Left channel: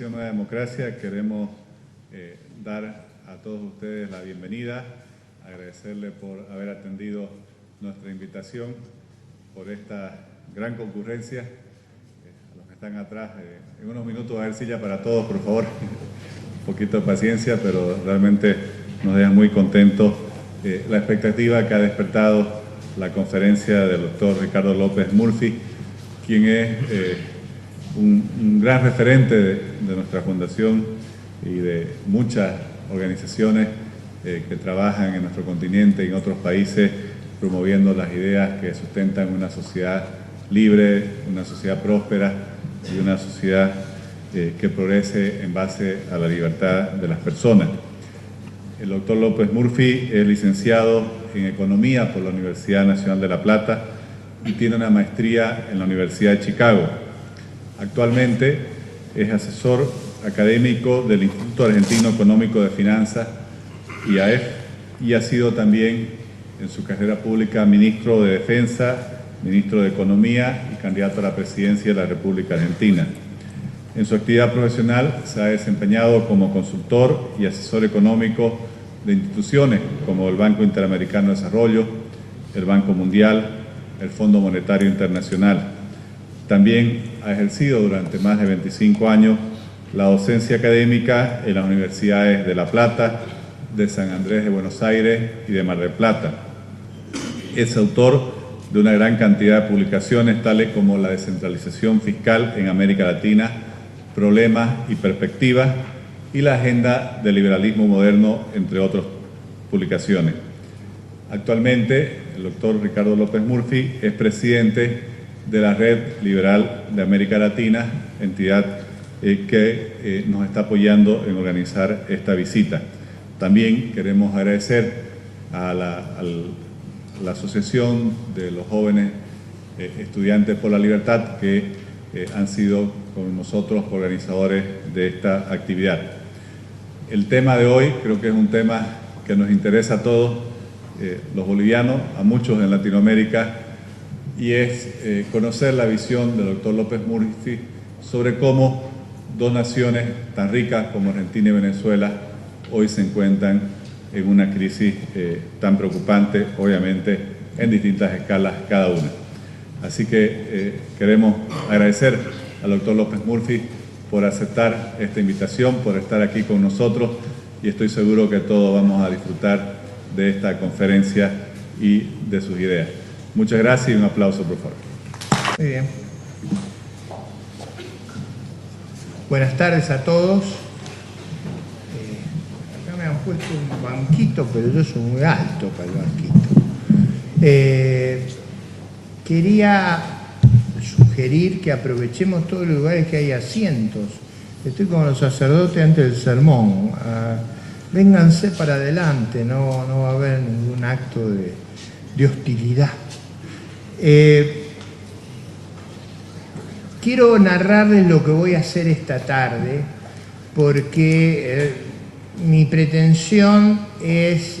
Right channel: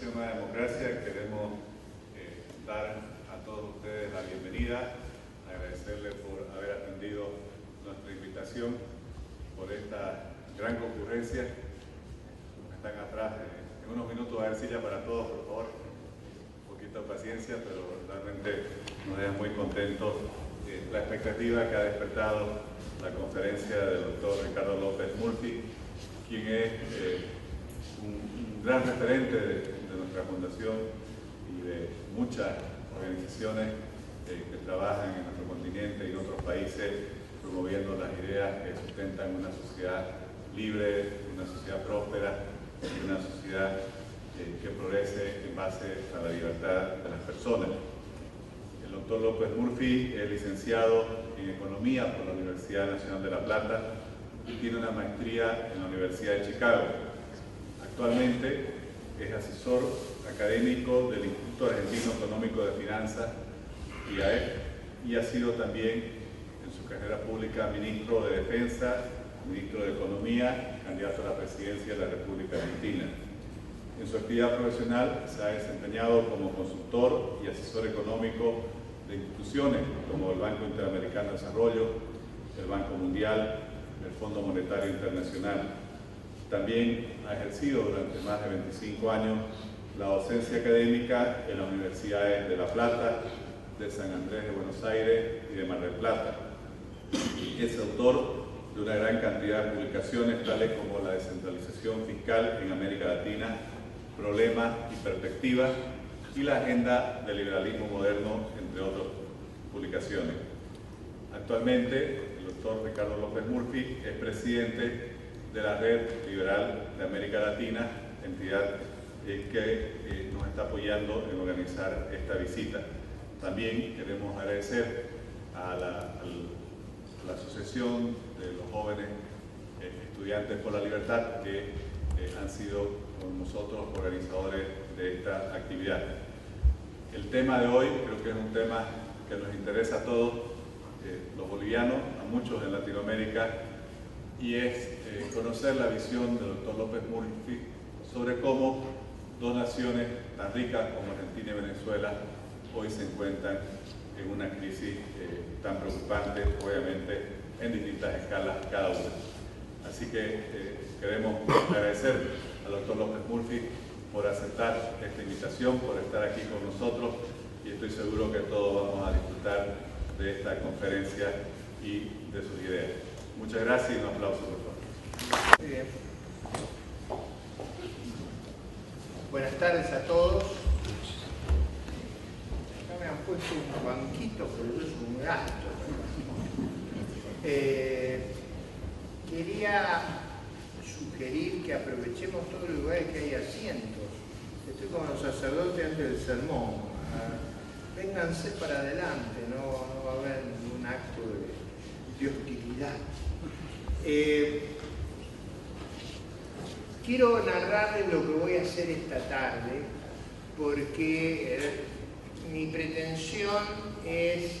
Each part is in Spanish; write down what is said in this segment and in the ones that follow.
Nueva Democracia queremos dar a todos ustedes la bienvenida, agradecerles por haber atendido nuestra invitación, por esta gran concurrencia. Los que están atrás, en unos minutos va a haber silla para todos, por favor. Un poquito de paciencia, pero realmente nos deja muy contentos la expectativa que ha despertado la conferencia del doctor Ricardo López Murphy, quien es un gran referente de nuestra fundación y de muchas organizaciones que trabajan en nuestro continente y en otros países promoviendo las ideas que sustentan una sociedad libre, una sociedad próspera y una sociedad que progrese en base a la libertad de las personas. El doctor López Murphy es licenciado en Economía por la Universidad Nacional de La Plata y tiene una maestría en la Universidad de Chicago. Actualmente es asesor académico del Instituto Argentino Económico de Finanzas, IAEF, y ha sido también en su carrera pública ministro de Defensa, ministro de Economía y candidato a la presidencia de la República Argentina. En su actividad profesional se ha desempeñado como consultor y asesor económico de instituciones como el Banco Interamericano de Desarrollo, el Banco Mundial, el Fondo Monetario Internacional. También ha ejercido durante más de 25 años la docencia académica en las universidades de La Plata, de San Andrés de Buenos Aires y de Mar del Plata. Es autor de una gran cantidad de publicaciones, tales como La descentralización fiscal en América Latina, Problemas y Perspectivas, y la Agenda del Liberalismo Moderno, entre otras publicaciones. Actualmente, el doctor Ricardo López Murphy es presidente de la Red Liberal de América Latina, entidad que nos está apoyando en organizar esta visita. También queremos agradecer a la Asociación de los Jóvenes Estudiantes por la Libertad, que han sido con nosotros organizadores de esta actividad. El tema de hoy creo que es un tema que nos interesa a todos los bolivianos, a muchos en Latinoamérica, y es conocer la visión del doctor López Murphy sobre cómo dos naciones tan ricas como Argentina y Venezuela hoy se encuentran en una crisis tan preocupante, obviamente en distintas escalas cada una. Así que queremos agradecer al doctor López Murphy por aceptar esta invitación, por estar aquí con nosotros, y estoy seguro que todos vamos a disfrutar de esta conferencia y de sus ideas. Muchas gracias y un aplauso, por favor. Muy bien. Buenas tardes a todos. Acá me han puesto un banquito, pero yo soy muy alto para el banquito. Quería sugerir que aprovechemos todos los lugares que hay asientos. Estoy como los sacerdotes antes del sermón. Vénganse para adelante, no va a haber ningún acto de hostilidad. Quiero narrarles lo que voy a hacer esta tarde, porque mi pretensión es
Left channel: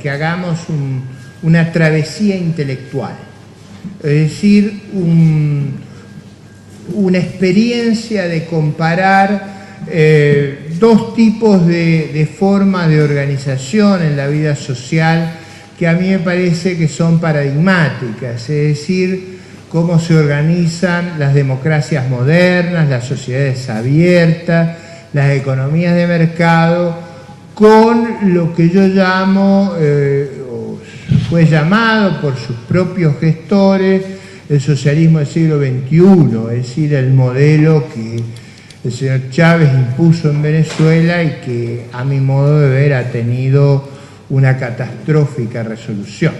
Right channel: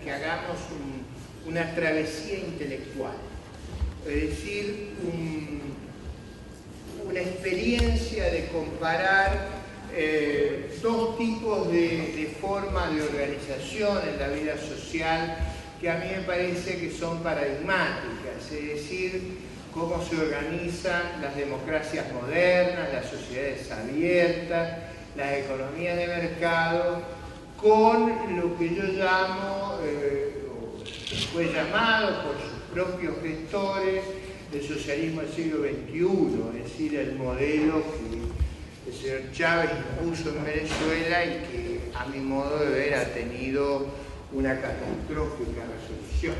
que hagamos una travesía intelectual, es decir, una experiencia de comparar dos tipos de formas de organización en la vida social que a mí me parece que son paradigmáticas, es decir, cómo se organizan las democracias modernas, las sociedades abiertas, las economías de mercado, con lo que yo llamo, o fue llamado por sus propios gestores, el socialismo del siglo XXI, es decir, el modelo que el señor Chávez impuso en Venezuela y que, a mi modo de ver, ha tenido una catastrófica resolución.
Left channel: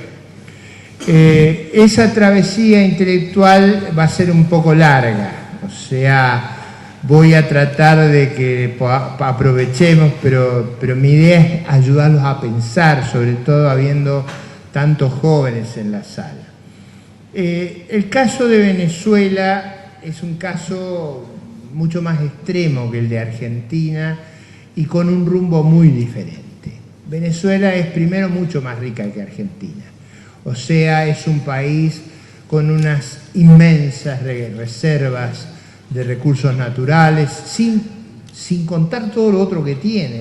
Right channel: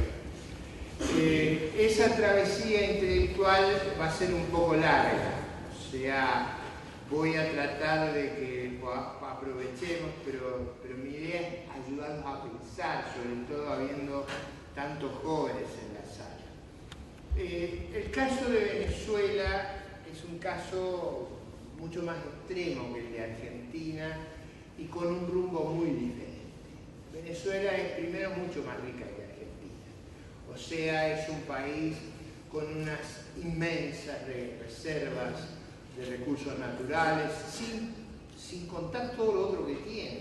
Esa travesía intelectual va a ser un poco larga, o sea, voy a tratar de que aprovechemos, pero mi idea es ayudarlos a pensar, sobre todo habiendo tantos jóvenes en la sala. El caso de Venezuela es un caso mucho más extremo que el de Argentina y con un rumbo muy diferente. Venezuela es primero mucho más rica que Argentina, o sea, es un país con unas inmensas reservas de recursos naturales, sin sin contar todo lo otro que tiene.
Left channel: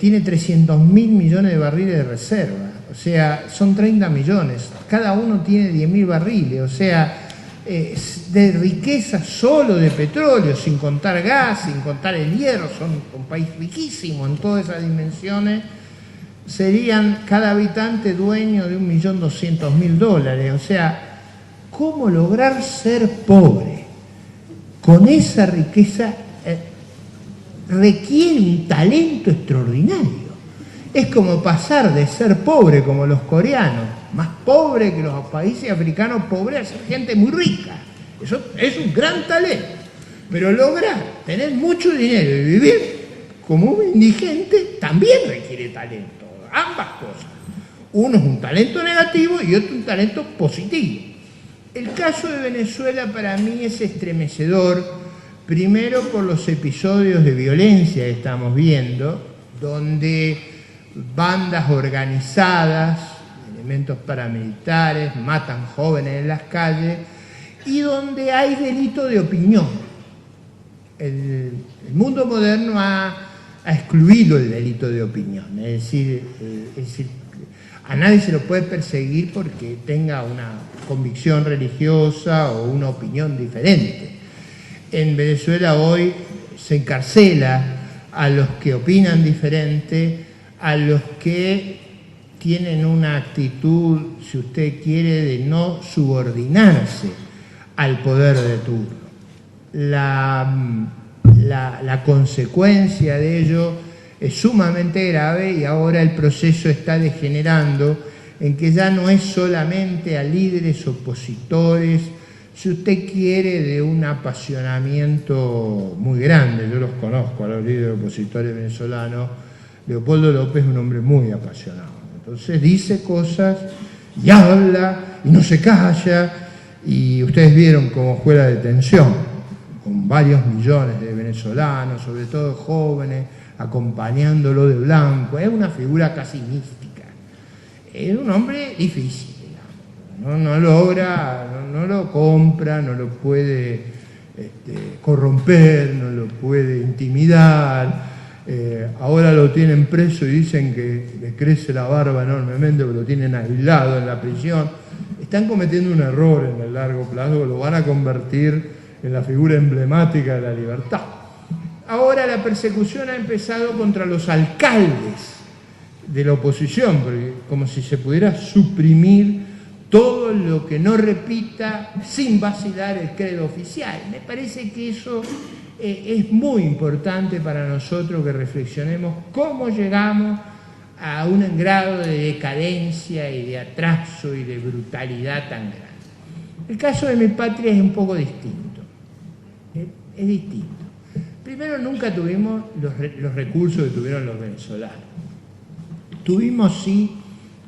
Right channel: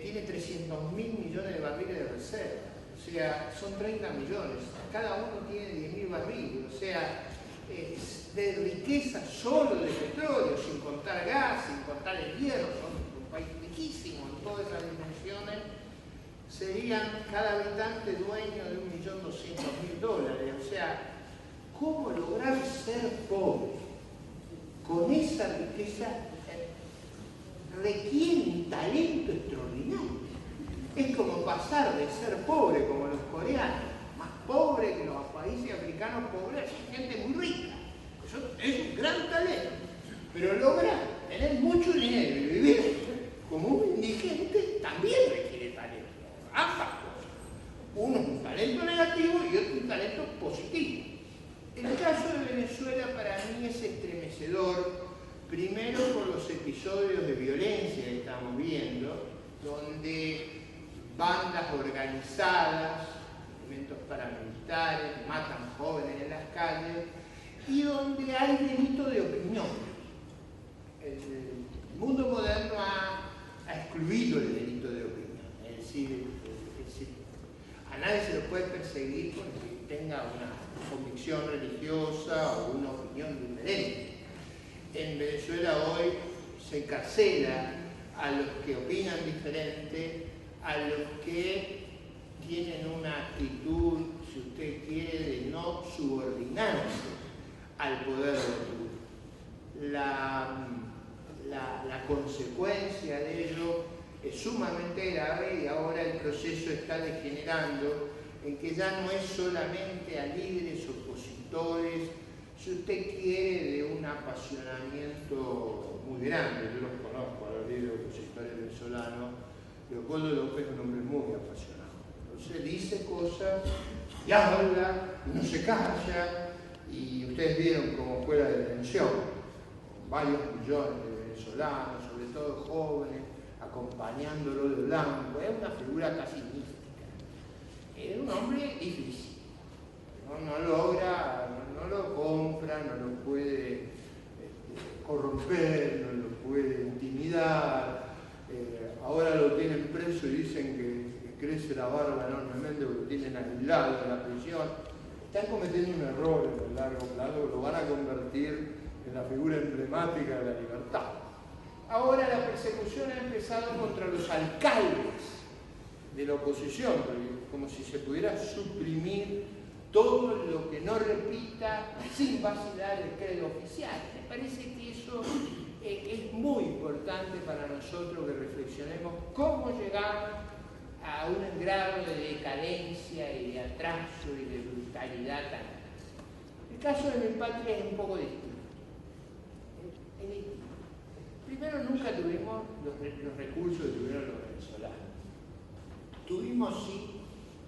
Tiene 300.000 millones de barriles de reserva, o sea, son 30 millones, cada uno tiene 10.000 barriles, o sea, de riqueza solo de petróleo, sin contar gas, sin contar el hierro, son un país riquísimo en todas esas dimensiones. Serían cada habitante dueño de $1.200.000, o sea, ¿cómo lograr ser pobre con esa riqueza? Requiere un talento extraordinario. Es como pasar de ser pobre como los coreanos, más pobre que los países africanos pobres, a ser gente muy rica. Eso es un gran talento. Pero lograr tener mucho dinero y vivir como un indigente también requiere talento. Ambas cosas. Uno es un talento negativo y otro un talento positivo. El caso de Venezuela para mí es estremecedor. Primero por los episodios de violencia que estamos viendo, donde bandas organizadas, elementos paramilitares, matan jóvenes en las calles y donde hay delito de opinión. El mundo moderno ha excluido el delito de opinión, es decir, a nadie se lo puede perseguir porque tenga una convicción religiosa o una opinión diferente. En Venezuela hoy se encarcela a los que opinan diferente, a los que tienen una actitud, si usted quiere, de no subordinarse al poder de turno. La consecuencia de ello es sumamente grave y ahora el proceso está degenerando en que ya no es solamente a líderes opositores, si usted quiere, de un apasionamiento muy grande. Yo los conozco a los líderes opositores venezolanos. Leopoldo López es un hombre muy apasionado. Entonces dice cosas y habla y no se calla. Y ustedes vieron cómo fue la detención, con varios millones de venezolanos, sobre todo jóvenes, acompañándolo de blanco. Es una figura casi mística. Es un hombre difícil. No logra, no lo compra, no lo puede corromper, no lo puede intimidar. Ahora lo tienen preso y dicen que le crece la barba enormemente porque lo tienen aislado en la prisión. Están cometiendo un error en el largo plazo, lo van a convertir en la figura emblemática de la libertad. Ahora la persecución ha empezado contra los alcaldes de la oposición, porque como si se pudiera suprimir todo lo que no repita sin vacilar el credo oficial. Me parece que eso es muy importante para nosotros que reflexionemos cómo llegamos a un grado de decadencia y de atraso y de brutalidad tan grande. El caso de mi patria es un poco distinto. Es distinto. Primero, nunca tuvimos los recursos que tuvieron los venezolanos. Tuvimos, sí,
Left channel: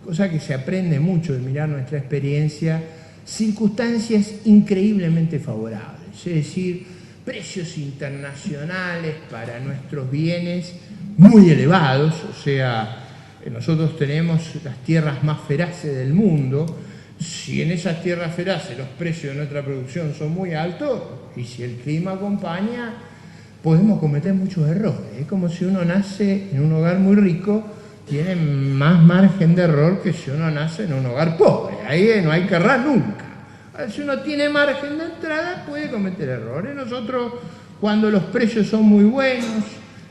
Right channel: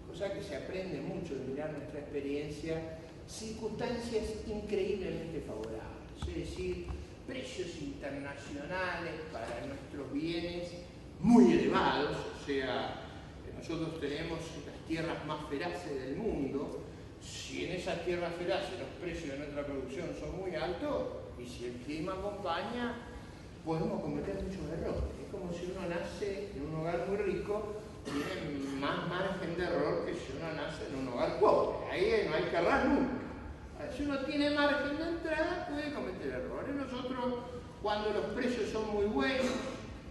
cosa que se aprende mucho de mirar nuestra experiencia, circunstancias increíblemente favorables, es decir, precios internacionales para nuestros bienes muy elevados, o sea, nosotros tenemos las tierras más feraces del mundo. Si en esas tierras feraces los precios de nuestra producción son muy altos, y si el clima acompaña, podemos cometer muchos errores. Es como si uno nace en un hogar muy rico, tiene más margen de error que si uno nace en un hogar pobre. Ahí no hay que errar nunca. Si uno tiene margen de entrada, puede cometer errores. Nosotros, cuando los precios son muy buenos,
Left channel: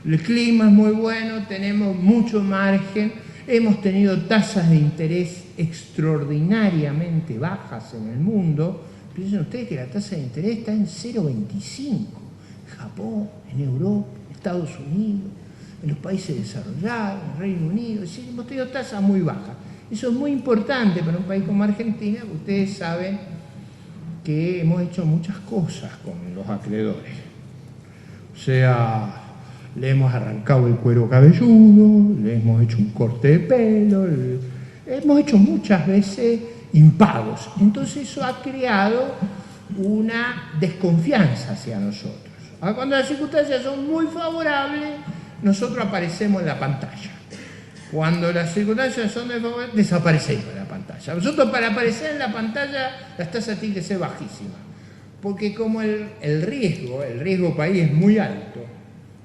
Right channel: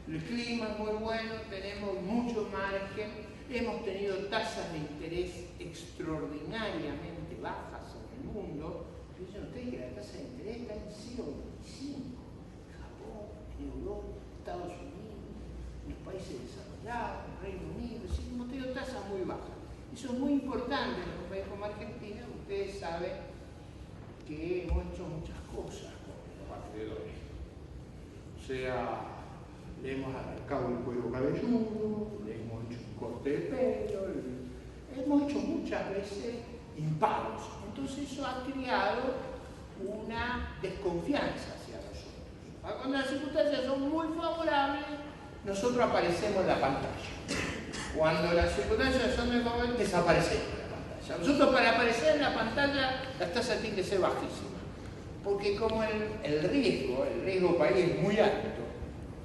el clima es muy bueno, tenemos mucho margen, hemos tenido tasas de interés extraordinariamente bajas en el mundo. Piensen ustedes que la tasa de interés está en 0,25. En Japón, en Europa, en Estados Unidos, en los países desarrollados, en el Reino Unido, es decir, hemos tenido tasas muy bajas. Eso es muy importante para un país como Argentina, porque ustedes saben que hemos hecho muchas cosas con los acreedores. O sea, le hemos arrancado el cuero cabelludo, le hemos hecho un corte de pelo, hemos hecho muchas veces impagos. Entonces eso ha creado una desconfianza hacia nosotros. Cuando las circunstancias son muy favorables, nosotros aparecemos en la pantalla. Cuando las circunstancias son desfavorables, desaparecemos en la pantalla. Nosotros, para aparecer en la pantalla, las tasas tienen que ser bajísimas. Porque como el riesgo país es muy alto,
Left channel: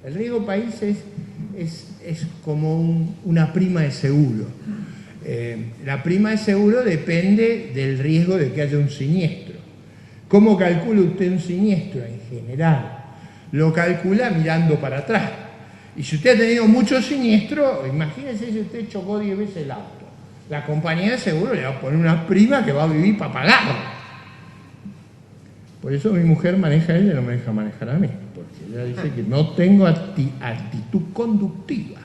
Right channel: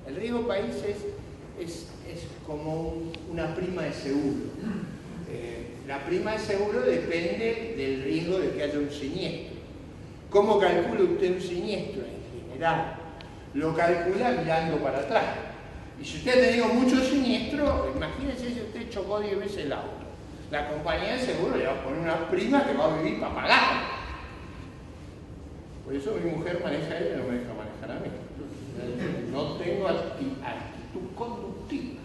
El riesgo país es como una prima de seguro. La prima de seguro depende del riesgo de que haya un siniestro. ¿Cómo calcula usted un siniestro? En general, lo calcula mirando para atrás. Y si usted ha tenido muchos siniestros, imagínese si usted chocó 10 veces el auto. La compañía de seguro le va a poner una prima que va a vivir para pagar. Por eso mi mujer maneja a ella y no me deja manejar a mí. Porque ella dice que no tengo actitud conductiva.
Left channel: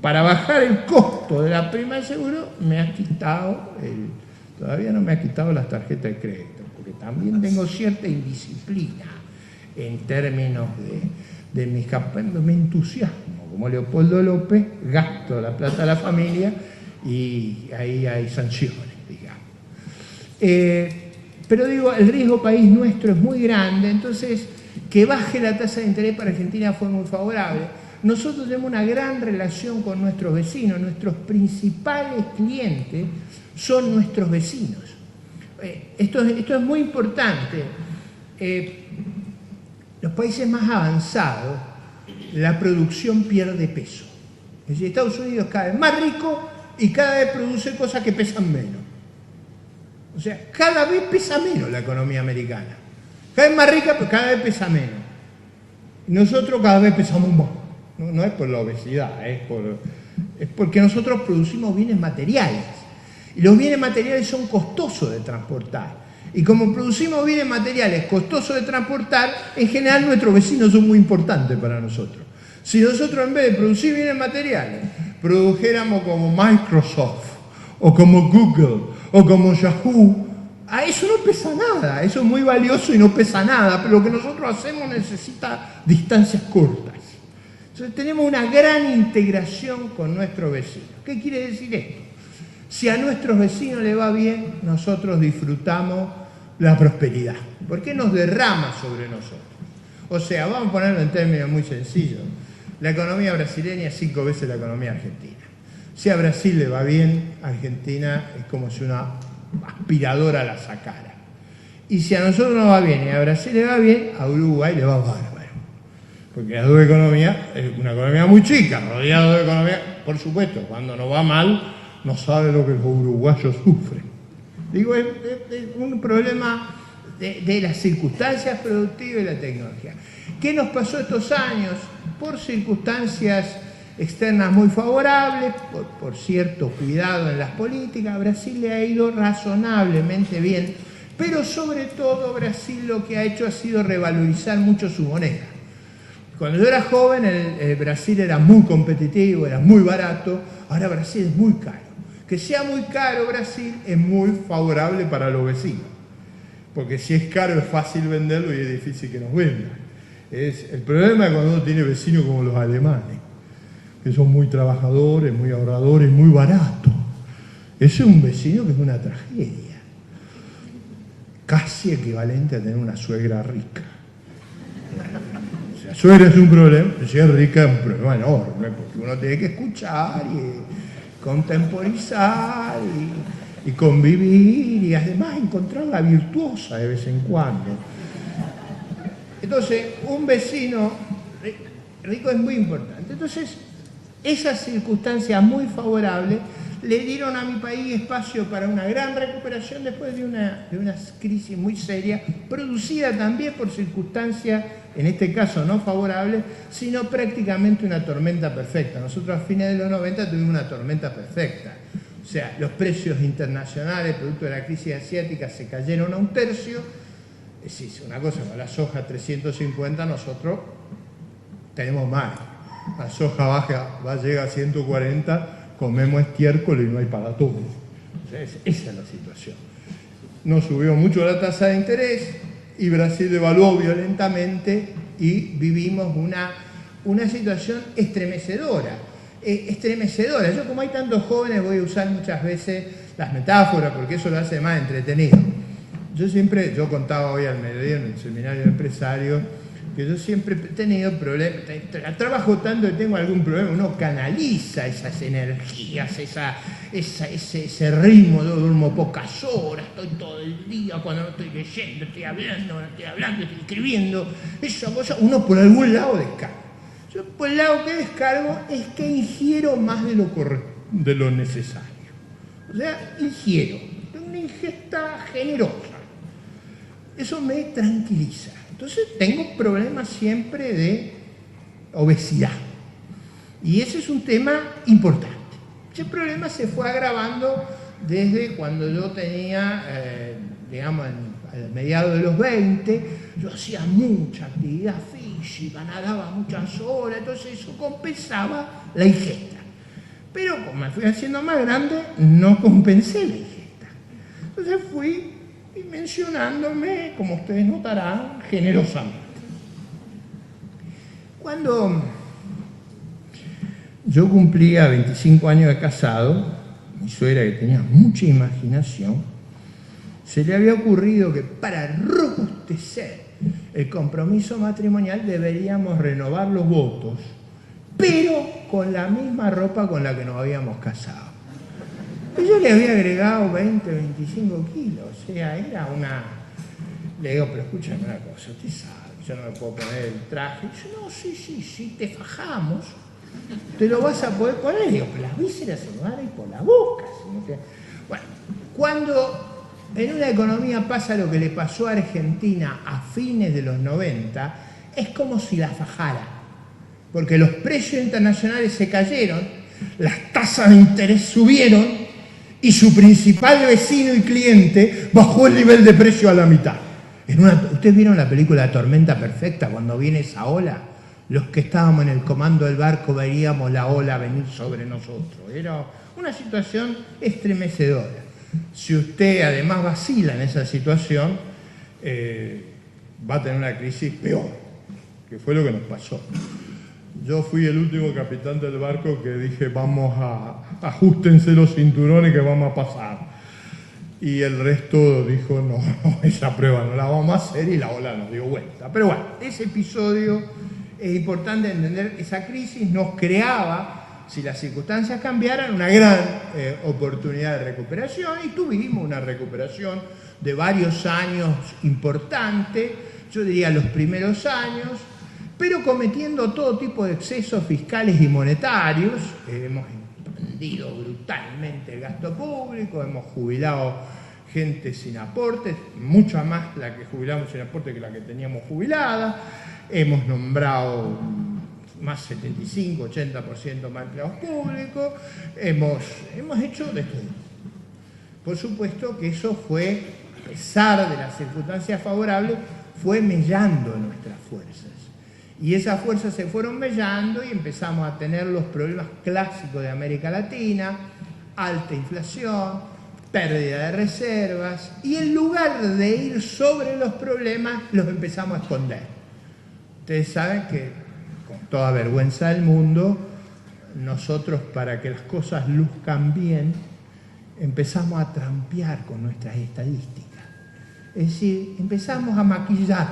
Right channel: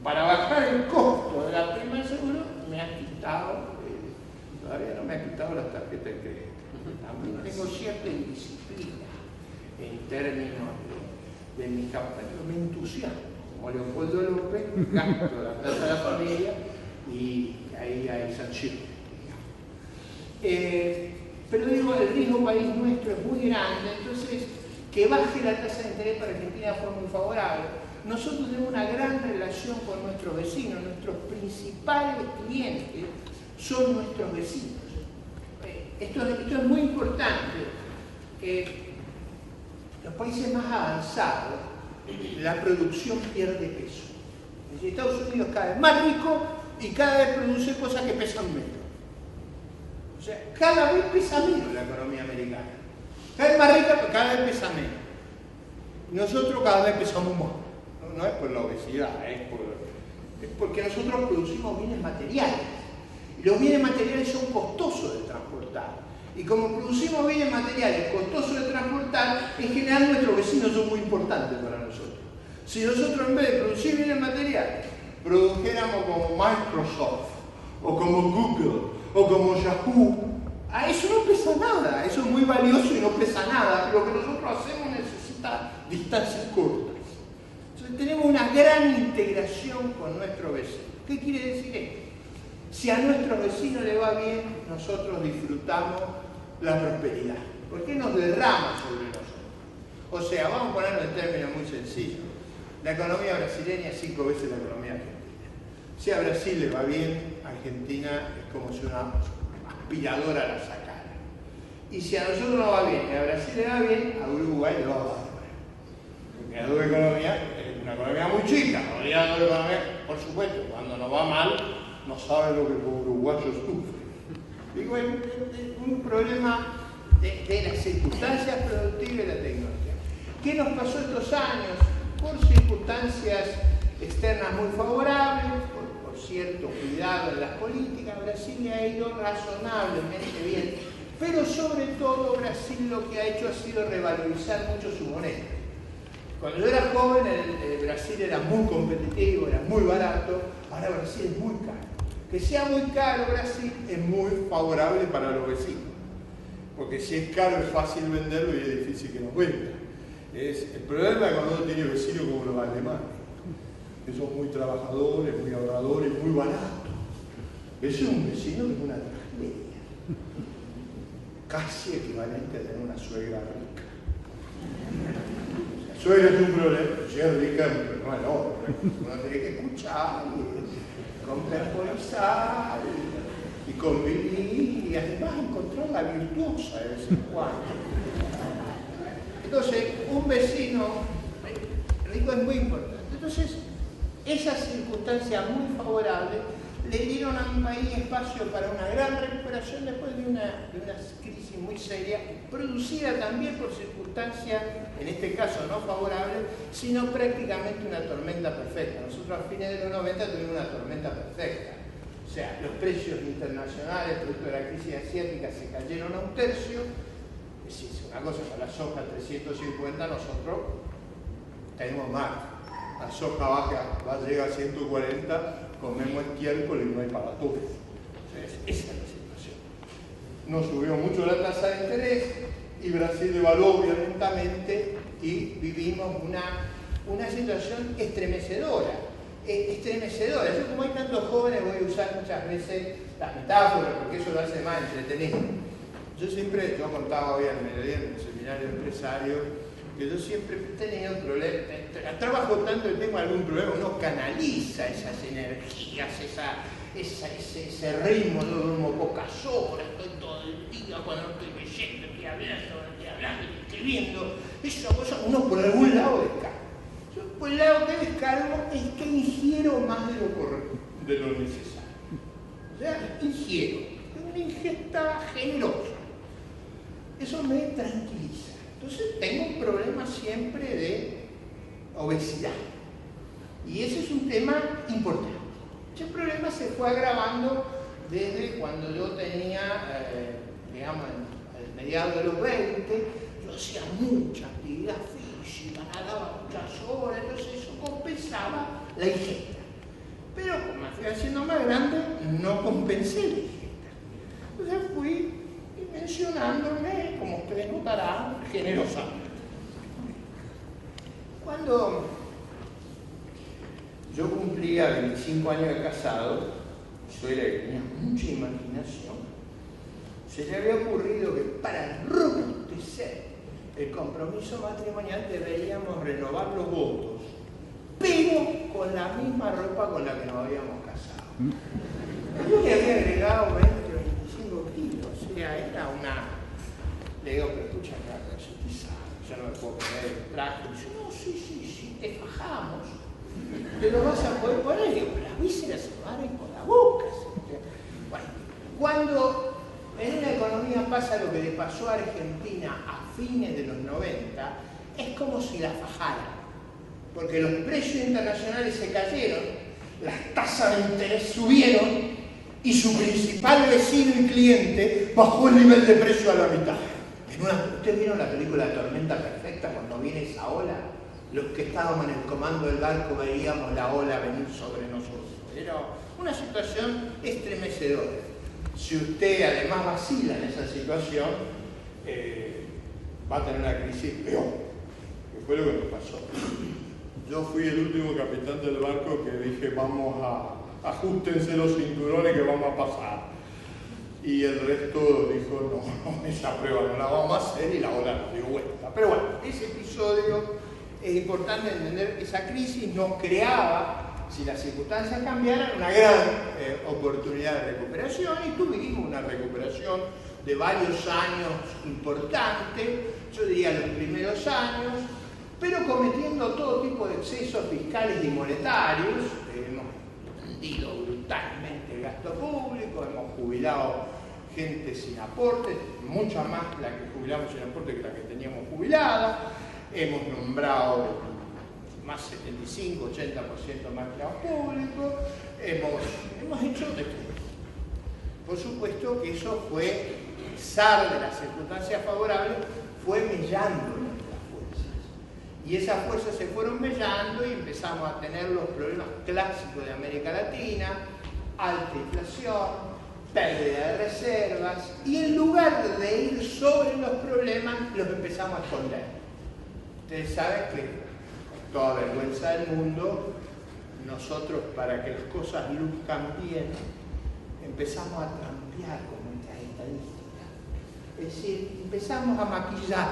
Para bajar el costo de la prima de seguro, me ha quitado, todavía no me ha quitado las tarjetas de crédito, porque también tengo cierta indisciplina en términos de mis campañas, me entusiasmo, como Leopoldo López, gasto la plata de la familia y ahí hay sanciones, digamos. Pero digo, el riesgo país nuestro es muy grande, entonces que baje la tasa de interés para Argentina fue muy favorable. Nosotros tenemos una gran relación con nuestros vecinos, nuestros principales clientes son nuestros vecinos. Esto es muy importante. Los países más avanzados, la producción pierde peso. Es decir, Estados Unidos es cada vez más rico y cada vez produce cosas que pesan menos. O sea, cada vez pesa menos la economía americana. Cada vez más rica, pero cada vez pesa menos. Y nosotros cada vez pesamos más. No es por la obesidad, es porque nosotros producimos bienes materiales. Y los bienes materiales son costosos de transportar. Y como producimos bienes materiales costosos de transportar, en general nuestros vecinos son muy importantes para nosotros. Si nosotros en vez de producir bienes materiales, produjéramos como Microsoft, o como Google, o como Yahoo, a eso no pesa nada, eso es muy valioso y no pesa nada, pero lo que nosotros hacemos necesita distancias cortas. Entonces tenemos una gran integración con nuestros vecinos. ¿Qué quiere decir esto? Si a nuestros vecinos les va bien, nosotros disfrutamos la prosperidad. ¿Por qué nos derrama sobre nosotros? O sea, vamos a ponerlo en términos muy sencillos. La economía brasileña es 5 veces la economía argentina. Si a Brasil le va bien, Argentina es como si una aspiradora la sacara. Y si a nosotros nos va bien y a Brasil le va bien, a Uruguay le va bárbaro. Porque las dos economías es una economía muy chica, rodeada de economía, por supuesto, cuando nos va mal, no sabe lo que los uruguayos sufren. Digo, es un problema de las circunstancias productivas y la tecnología. ¿Qué nos pasó estos años? Por circunstancias externas muy favorables, por cierto cuidado en las políticas, Brasil le ha ido razonablemente bien, pero sobre todo Brasil lo que ha hecho ha sido revalorizar mucho su moneda. Cuando yo era joven, el Brasil era muy competitivo, era muy barato, ahora Brasil es muy caro. Que sea muy caro Brasil es muy favorable para los vecinos, porque si es caro es fácil venderlo y es difícil que nos venda. El problema es cuando uno tiene vecinos como los alemanes, que son muy trabajadores, muy ahorradores, muy baratos. Ese es un vecino que es una tragedia, casi equivalente a tener una suegra rica. La suegra es un problema, si es rica es un problema enorme, porque uno tiene que escuchar y contemporizar y convivir y además encontrar la virtuosa de vez en cuando. Entonces, un vecino rico es muy importante. Entonces, esas circunstancias muy favorables le dieron a mi país espacio para una gran recuperación después de una crisis muy seria, producida también por circunstancias, en este caso no favorables, sino prácticamente una tormenta perfecta. Nosotros a fines de los 90 tuvimos una tormenta perfecta. O sea, los precios internacionales, producto de la crisis asiática, se cayeron a 1/3. Es decir, una cosa, con la soja 350 nosotros tenemos mal. La soja llega a 140, comemos estiércol y no hay para todos. Esa es la situación. No subió mucho la tasa de interés y Brasil devaluó violentamente y vivimos una situación estremecedora. Yo, como hay tantos jóvenes, voy a usar muchas veces las metáforas porque eso lo hace más entretenido. Yo contaba hoy al mediodía en el seminario empresario que yo siempre he tenido problemas, trabajo tanto que tengo algún problema, uno canaliza esas energías, ese ritmo, yo duermo pocas horas, estoy todo el día, cuando no estoy leyendo, estoy hablando, estoy escribiendo, esa cosa, uno por algún lado descarga. Yo, por el lado que descargo es que ingiero más de lo necesario. O sea, ingiero, una ingesta generosa. Eso me tranquiliza. Entonces tengo un problema siempre de obesidad. Y ese es un tema importante. Ese problema se fue agravando desde cuando yo tenía, digamos, a mediados de los 20, yo hacía mucha actividad física, nadaba muchas horas, entonces eso compensaba la ingesta. Pero como me fui haciendo más grande, no compensé la ingesta. Entonces fui mencionándome, como ustedes notarán, generosamente. Cuando yo cumplía 25 años de casado, mi suegra, que tenía mucha imaginación, se le había ocurrido que para robustecer el compromiso matrimonial deberíamos renovar los votos, pero con la misma ropa con la que nos habíamos casado. Y yo le había agregado 20, 25 kilos, o sea, era una... Le digo, pero escúchame una cosa, usted sabe, yo no me puedo poner el traje. Y yo, no, sí, te fajamos, te lo vas a poder poner. Y digo, pero las vísceras se van a ir por la boca. Bueno, cuando en una economía pasa lo que le pasó a Argentina a fines de los 90, es como si la fajara, porque los precios internacionales se cayeron, las tasas de interés subieron y su principal vecino y cliente bajó el nivel de precio a la mitad. ¿Ustedes vieron la película Tormenta Perfecta? Cuando viene esa ola, los que estábamos en el comando del barco veíamos la ola venir sobre nosotros. Era una situación estremecedora. Si usted además vacila en esa situación, va a tener una crisis peor, que fue lo que nos pasó. Yo fui el último capitán del barco que dije, ajustense los cinturones que vamos a pasar. Y el resto dijo, no, esa prueba no la vamos a hacer, y la ola nos dio vuelta. Pero bueno, ese episodio es importante entender. Esa crisis nos creaba, si las circunstancias cambiaran, una gran oportunidad de recuperación, y tuvimos una recuperación de varios años importante, yo diría los primeros años, pero cometiendo todo tipo de excesos fiscales y monetarios. Hemos expandido brutalmente el gasto público, hemos jubilado gente sin aportes, mucha más la que jubilamos sin aporte que la que teníamos jubilada, hemos nombrado más 75, 80% más empleados públicos, hemos hecho de todo. Por supuesto que eso fue, a pesar de las circunstancias favorables, fue mellando nuestras fuerzas. Y esas fuerzas se fueron mellando y empezamos a tener los problemas clásicos de América Latina: alta inflación, pérdida de reservas, y en lugar de ir sobre los problemas, los empezamos a esconder. Ustedes saben que, con toda vergüenza del mundo, nosotros, para que las cosas luzcan bien, empezamos a trampear con nuestras estadísticas. Es decir, empezamos a maquillar.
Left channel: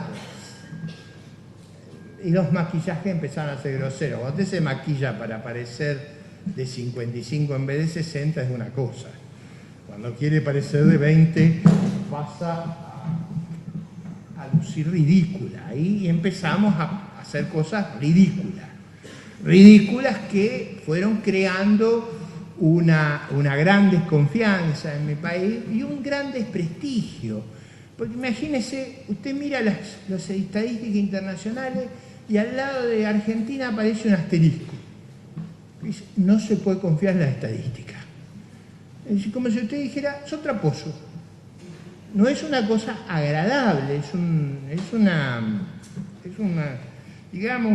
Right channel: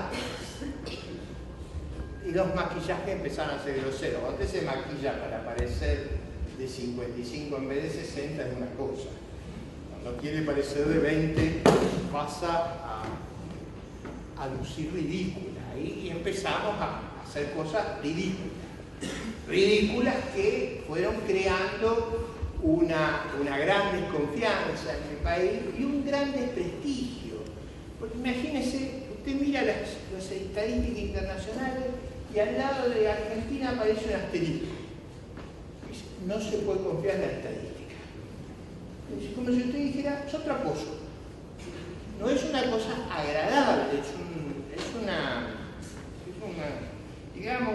Y los maquillajes empezaron a ser groseros. Cuando usted se maquilla para parecer de 55 en vez de 60 es una cosa. Cuando quiere parecer de 20 pasa a lucir ridícula. Y empezamos a hacer cosas ridículas. Ridículas que fueron creando una gran desconfianza en mi país y un gran desprestigio. Porque imagínese, usted mira las estadísticas internacionales y al lado de Argentina aparece un asterisco. No se puede confiar en la estadística. Es como si usted dijera, es traposo. No es una cosa agradable, es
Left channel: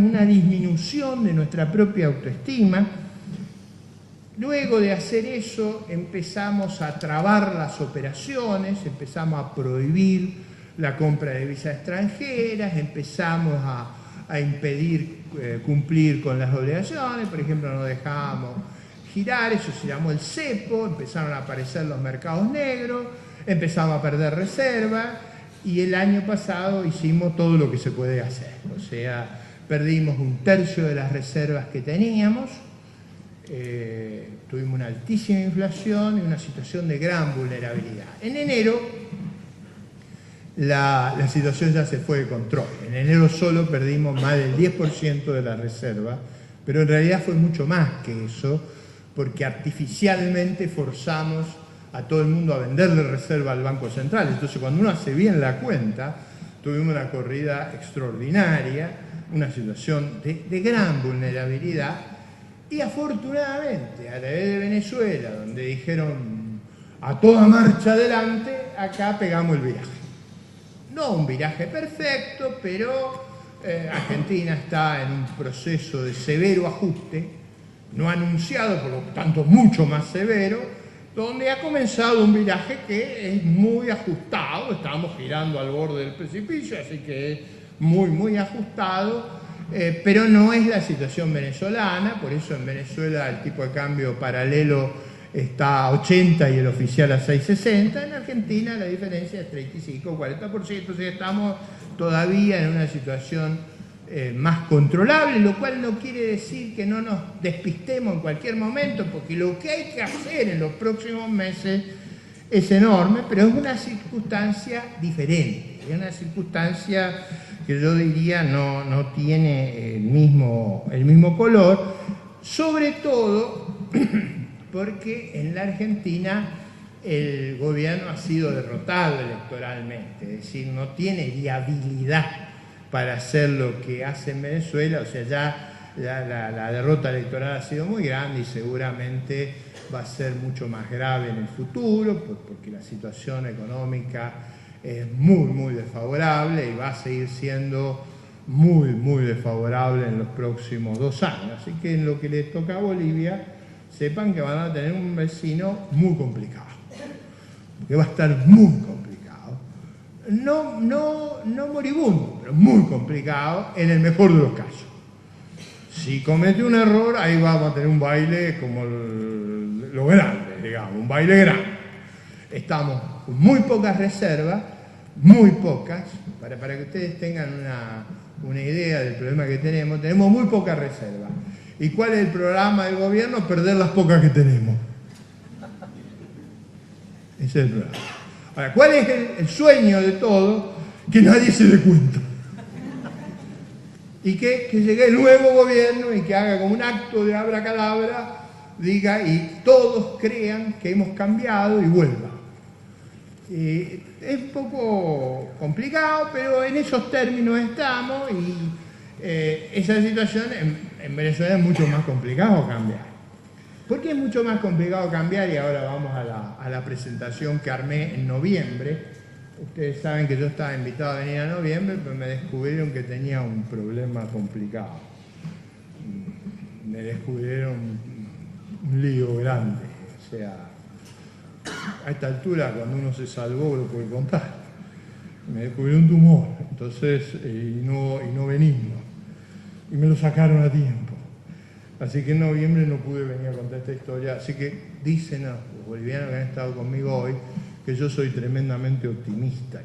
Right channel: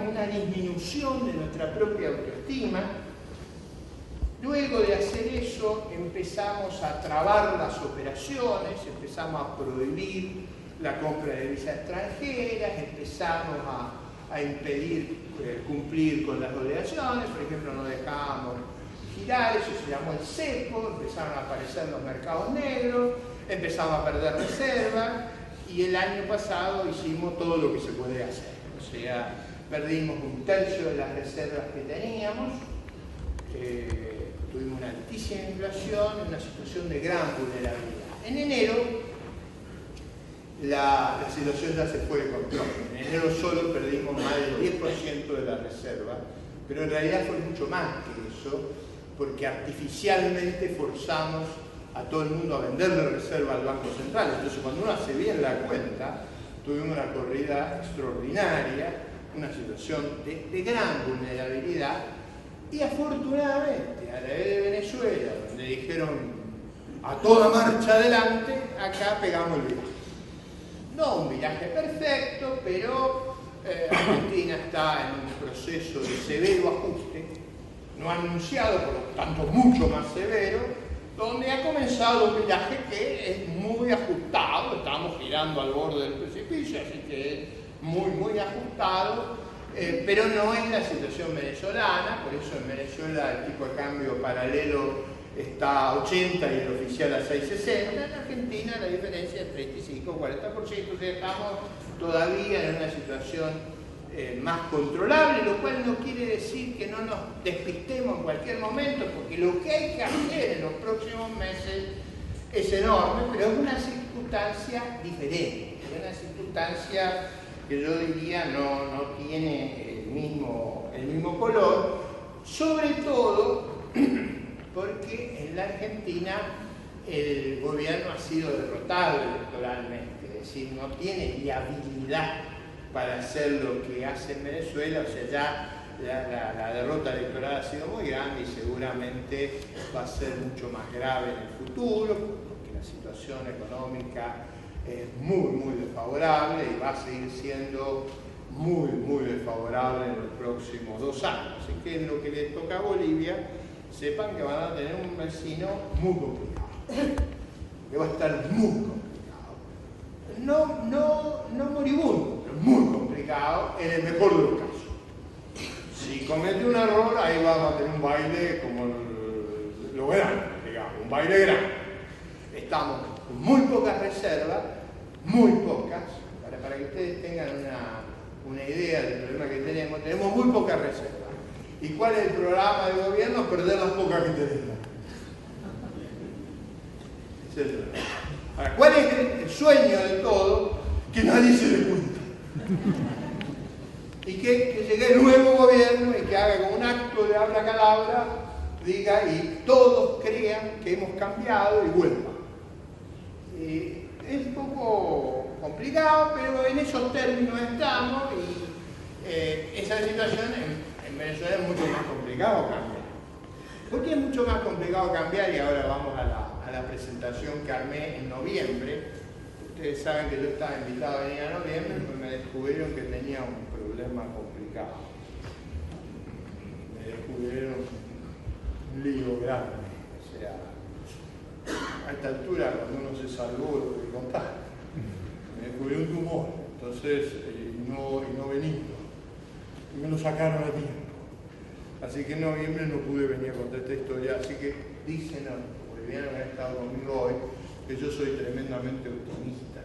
una disminución de nuestra propia autoestima. Luego de hacer eso, empezamos a trabar las operaciones, empezamos a prohibir la compra de divisas extranjeras, empezamos a impedir cumplir con las obligaciones. Por ejemplo, no dejábamos girar, eso se llamó el cepo, empezaron a aparecer los mercados negros, empezamos a perder reservas, y el año pasado hicimos todo lo que se puede hacer. O sea, perdimos 1/3 de las reservas que teníamos, tuvimos una altísima inflación y una situación de gran vulnerabilidad. En enero la situación ya se fue de control. En enero solo perdimos más del 10% de la reserva, pero en realidad fue mucho más que eso, porque artificialmente forzamos a todo el mundo a venderle reserva al Banco Central. Entonces, cuando uno hace bien la cuenta, tuvimos una corrida extraordinaria, una situación de gran vulnerabilidad, y afortunadamente, a la vez de Venezuela, donde dijeron a toda marcha adelante, acá pegamos el viraje. No un viraje perfecto, pero Argentina está en un proceso de severo ajuste, no anunciado, por lo tanto mucho más severo, donde ha comenzado un viraje que es muy ajustado. Estamos girando al borde del precipicio, así que es muy ajustado, pero no es la situación venezolana. Por eso en Venezuela el tipo de cambio paralelo está a 80 y el oficial a 6.60. En Argentina la diferencia es 35 o 40%, o sea, estamos todavía en una situación más controlable, lo cual no quiere decir que no nos despistemos en cualquier momento, porque lo que hay que hacer en los próximos meses es enorme, pero es una circunstancia diferente, es una circunstancia que yo diría no tiene el mismo color, sobre todo porque en la Argentina el gobierno ha sido derrotado electoralmente, es decir, no tiene viabilidad para hacer lo que hace en Venezuela. O sea, ya la derrota electoral ha sido muy grande y seguramente va a ser mucho más grave en el futuro, porque la situación económica es muy desfavorable y va a seguir siendo muy desfavorable en los próximos 2 años. Así que en lo que le toca a Bolivia, sepan que van a tener un vecino muy complicado, que va a estar muy complicado. No moribundo, pero muy complicado en el mejor de los casos. Si comete un error, ahí vamos a tener un baile como lo grande, digamos, un baile grande. Estamos con muy pocas reservas, muy pocas, para que ustedes tengan una idea del problema que tenemos muy pocas reservas. ¿Y cuál es el programa del gobierno? Perder las pocas que tenemos. Ese es el problema. Ahora, ¿cuál es el sueño de todo? Que nadie se dé cuenta. Y que llegue el nuevo gobierno y que haga como un acto de abracadabra, diga, y todos crean que hemos cambiado y vuelva. Es un poco complicado, pero en esos términos estamos, y esa situación en Venezuela es mucho más complicado cambiar. ¿Por qué es mucho más complicado cambiar? Y ahora vamos a la presentación que armé en noviembre. Ustedes saben que yo estaba invitado a venir a noviembre, pues me descubrieron que tenía un problema complicado. Me descubrieron un lío grande. O sea, a esta altura, cuando uno se salvó, lo puede contar. Me descubrieron un tumor, entonces, y no benigno. Y me lo sacaron a tiempo. Así que en noviembre no pude venir a contar esta historia. Así que dicen los bolivianos que han estado conmigo hoy que yo soy tremendamente optimista,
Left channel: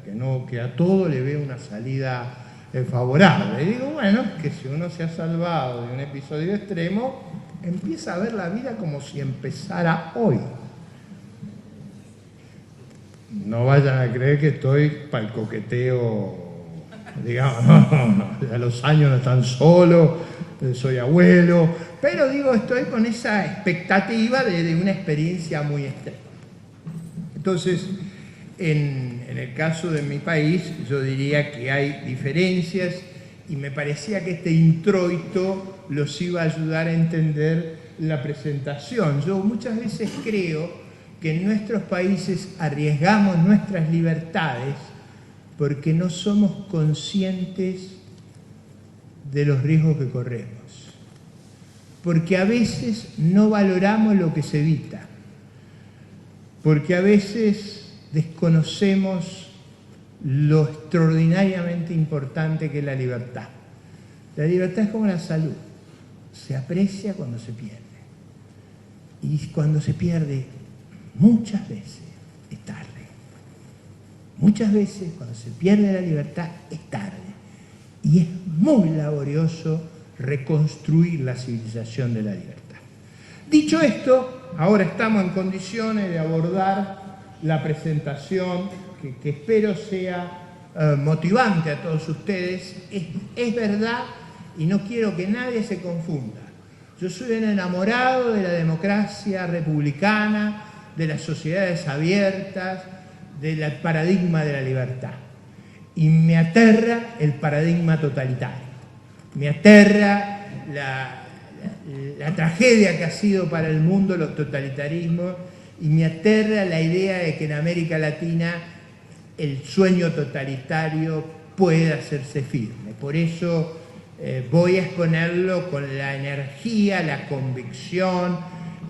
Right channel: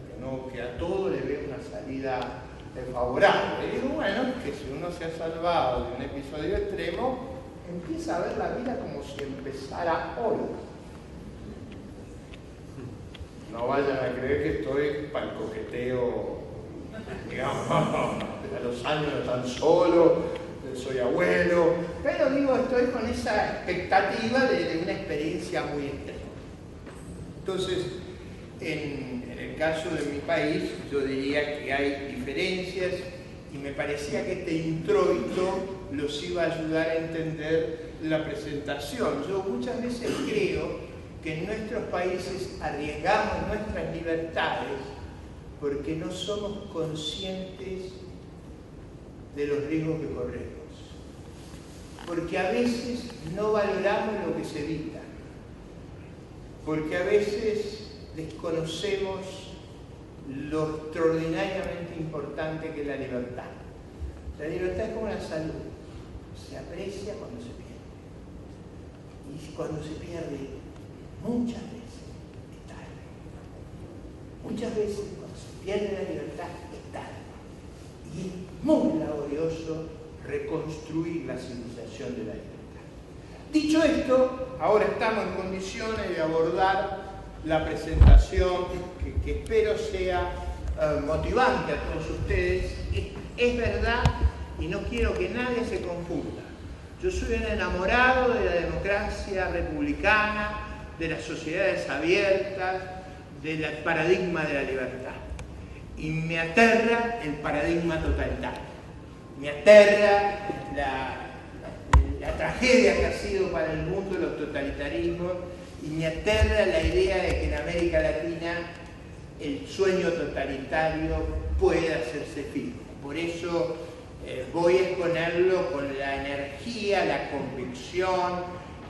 que a todo le veo una salida favorable. Y digo, bueno, que si uno se ha salvado de un episodio extremo, empieza a ver la vida como si empezara hoy. No vayan a creer que estoy para el coqueteo, digamos, no, a los años no están solos, soy abuelo, pero digo, estoy con esa expectativa de una experiencia muy extrema. Entonces, en el caso de mi país, yo diría que hay diferencias, y me parecía que este introito los iba a ayudar a entender la presentación. Yo muchas veces creo que en nuestros países arriesgamos nuestras libertades porque no somos conscientes de los riesgos que corremos, porque a veces no valoramos lo que se evita, porque a veces desconocemos lo extraordinariamente importante que es la libertad. La libertad es como la salud, se aprecia cuando se pierde, y cuando se pierde muchas veces es tarde. Muchas veces cuando se pierde la libertad es tarde, y es muy laborioso reconstruir la civilización de la libertad. Dicho esto, ahora estamos en condiciones de abordar la presentación que espero sea motivante a todos ustedes. Es verdad, y no quiero que nadie se confunda. Yo soy un enamorado de la democracia republicana, de las sociedades abiertas, del paradigma de la libertad. Y me aterra el paradigma totalitario. Me aterra la tragedia que ha sido para el mundo los totalitarismos, y me aterra la idea de que en América Latina el sueño totalitario puede hacerse firme. Por eso voy a exponerlo con la energía, la convicción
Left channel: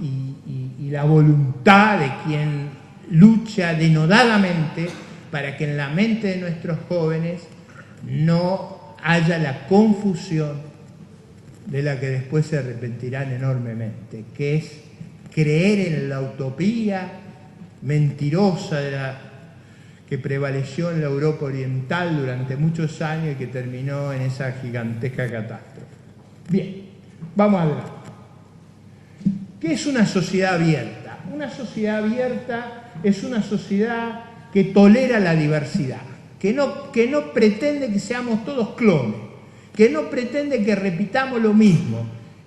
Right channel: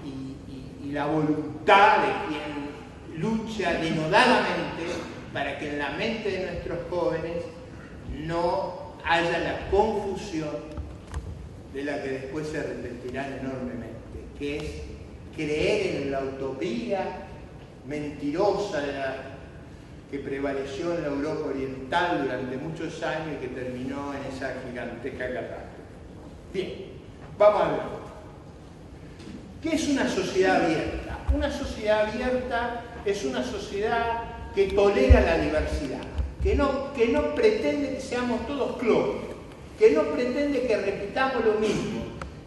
y la voluntad de quien lucha denodadamente para que en la mente de nuestros jóvenes no haya la confusión de la que después se arrepentirán enormemente, que es creer en la utopía mentirosa que prevaleció en la Europa oriental durante muchos años y que terminó en esa gigantesca catástrofe. Bien, vamos a ver. ¿Qué es una sociedad abierta? Una sociedad abierta es una sociedad que tolera la diversidad, que no pretende que seamos todos clones, que no pretende que repitamos lo mismo,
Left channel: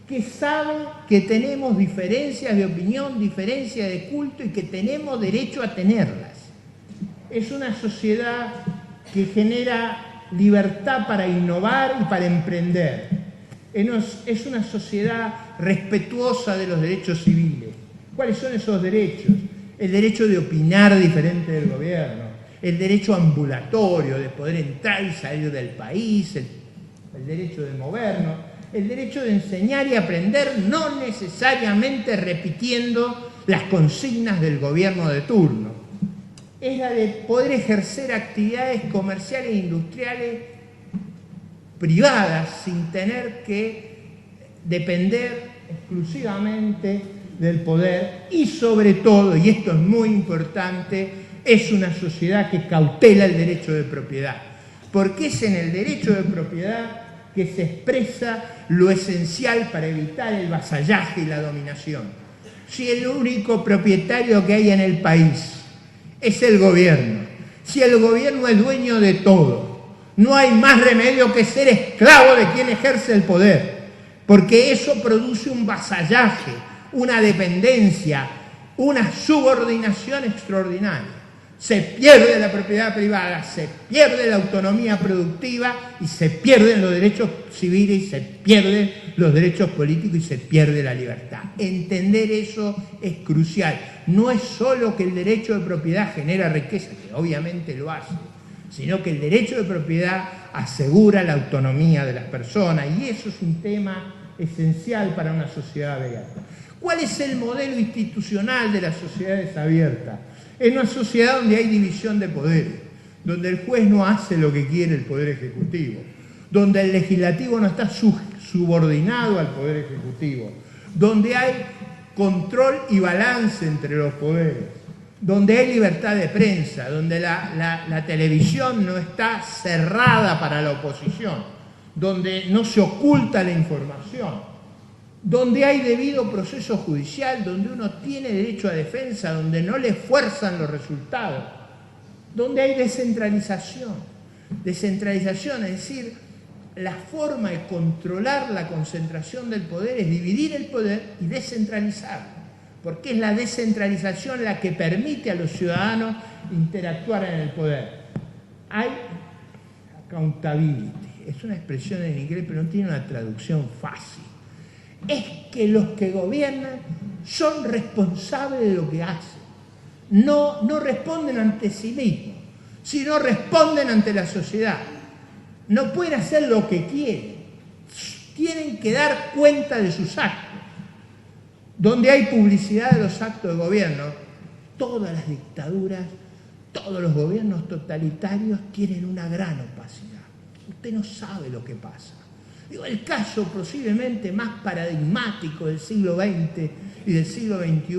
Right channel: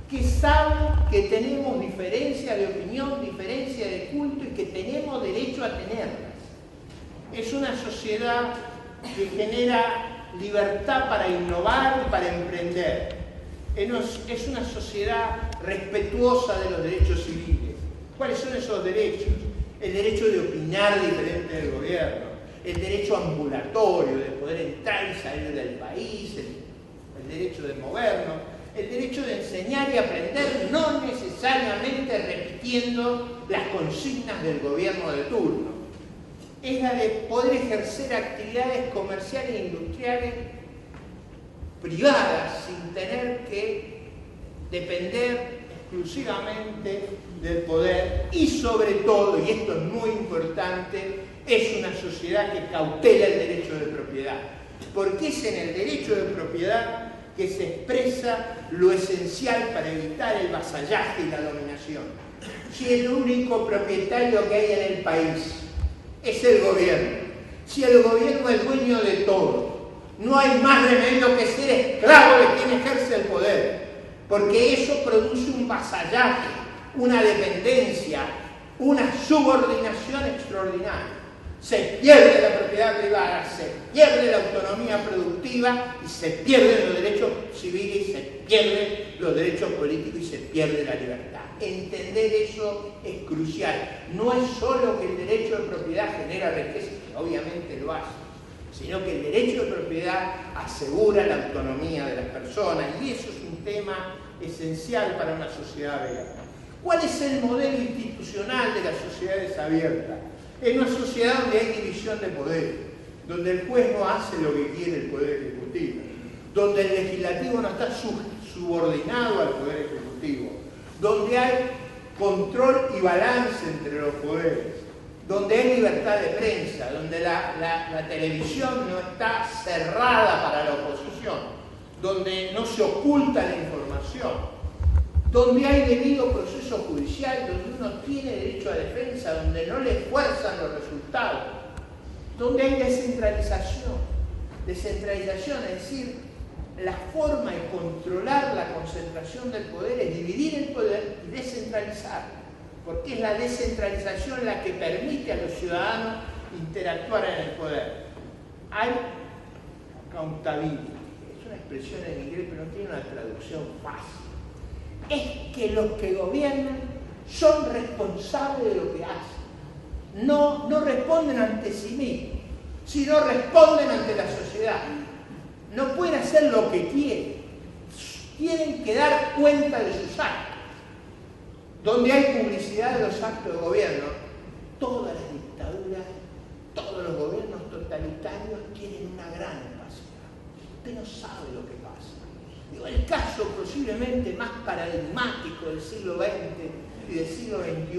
que sabe que tenemos diferencias de opinión, diferencias de culto y que tenemos derecho a tenerlas. Es una sociedad que genera libertad para innovar y para emprender. Es una sociedad respetuosa de los derechos civiles. ¿Cuáles son esos derechos? El derecho de opinar diferente del gobierno, el derecho ambulatorio de poder entrar y salir del país, el derecho de movernos, el derecho de enseñar y aprender no necesariamente repitiendo las consignas del gobierno de turno. Es la de poder ejercer actividades comerciales e industriales privadas sin tener que depender exclusivamente del poder y sobre todo, y esto es muy importante, es una sociedad que cautela el derecho de propiedad, porque es en el derecho de propiedad que se expresa lo esencial para evitar el vasallaje y la dominación. Si el único propietario que hay en el país es el gobierno, si el gobierno es dueño de todo, no hay más remedio que ser esclavo de quien ejerce el poder, porque eso produce un vasallaje, una dependencia, una subordinación extraordinaria. Se pierde la propiedad privada, se pierde la autonomía productiva y se pierden los derechos civiles, y se pierden los derechos políticos y se pierde la libertad. Entender eso es crucial. No es solo que el derecho de propiedad genera riqueza, que obviamente lo hace, sino que el derecho de propiedad asegura la autonomía de las personas, y eso es un tema esencial para una sociedad abierta. ¿Cuál es el modelo institucional de las sociedades abiertas? Es una sociedad donde hay división de poderes, donde el juez no hace lo que quiere el Poder Ejecutivo, donde el legislativo no está subordinado al Poder Ejecutivo, donde hay control y balance entre los poderes, donde hay libertad de prensa, donde la televisión no está cerrada para la oposición, donde no se oculta la información, donde hay debido proceso judicial, donde uno tiene derecho a defensa, donde no le fuerzan los resultados, donde hay descentralización. Descentralización, es decir, la forma de controlar la concentración del poder es dividir el poder y descentralizarlo, porque es la descentralización la que permite a los ciudadanos interactuar en el poder. Hay accountability, es una expresión en inglés, pero no tiene una traducción fácil. Es que los que gobiernan son responsables de lo que hacen. No responden ante sí mismos, sino responden ante la sociedad. No pueden hacer lo que quieren. Tienen que dar cuenta de sus actos. Donde hay publicidad de los actos de gobierno, todas las dictaduras, todos los gobiernos totalitarios tienen una gran opacidad. Usted no sabe lo que pasa. El caso posiblemente más paradigmático del siglo XX y del siglo XXI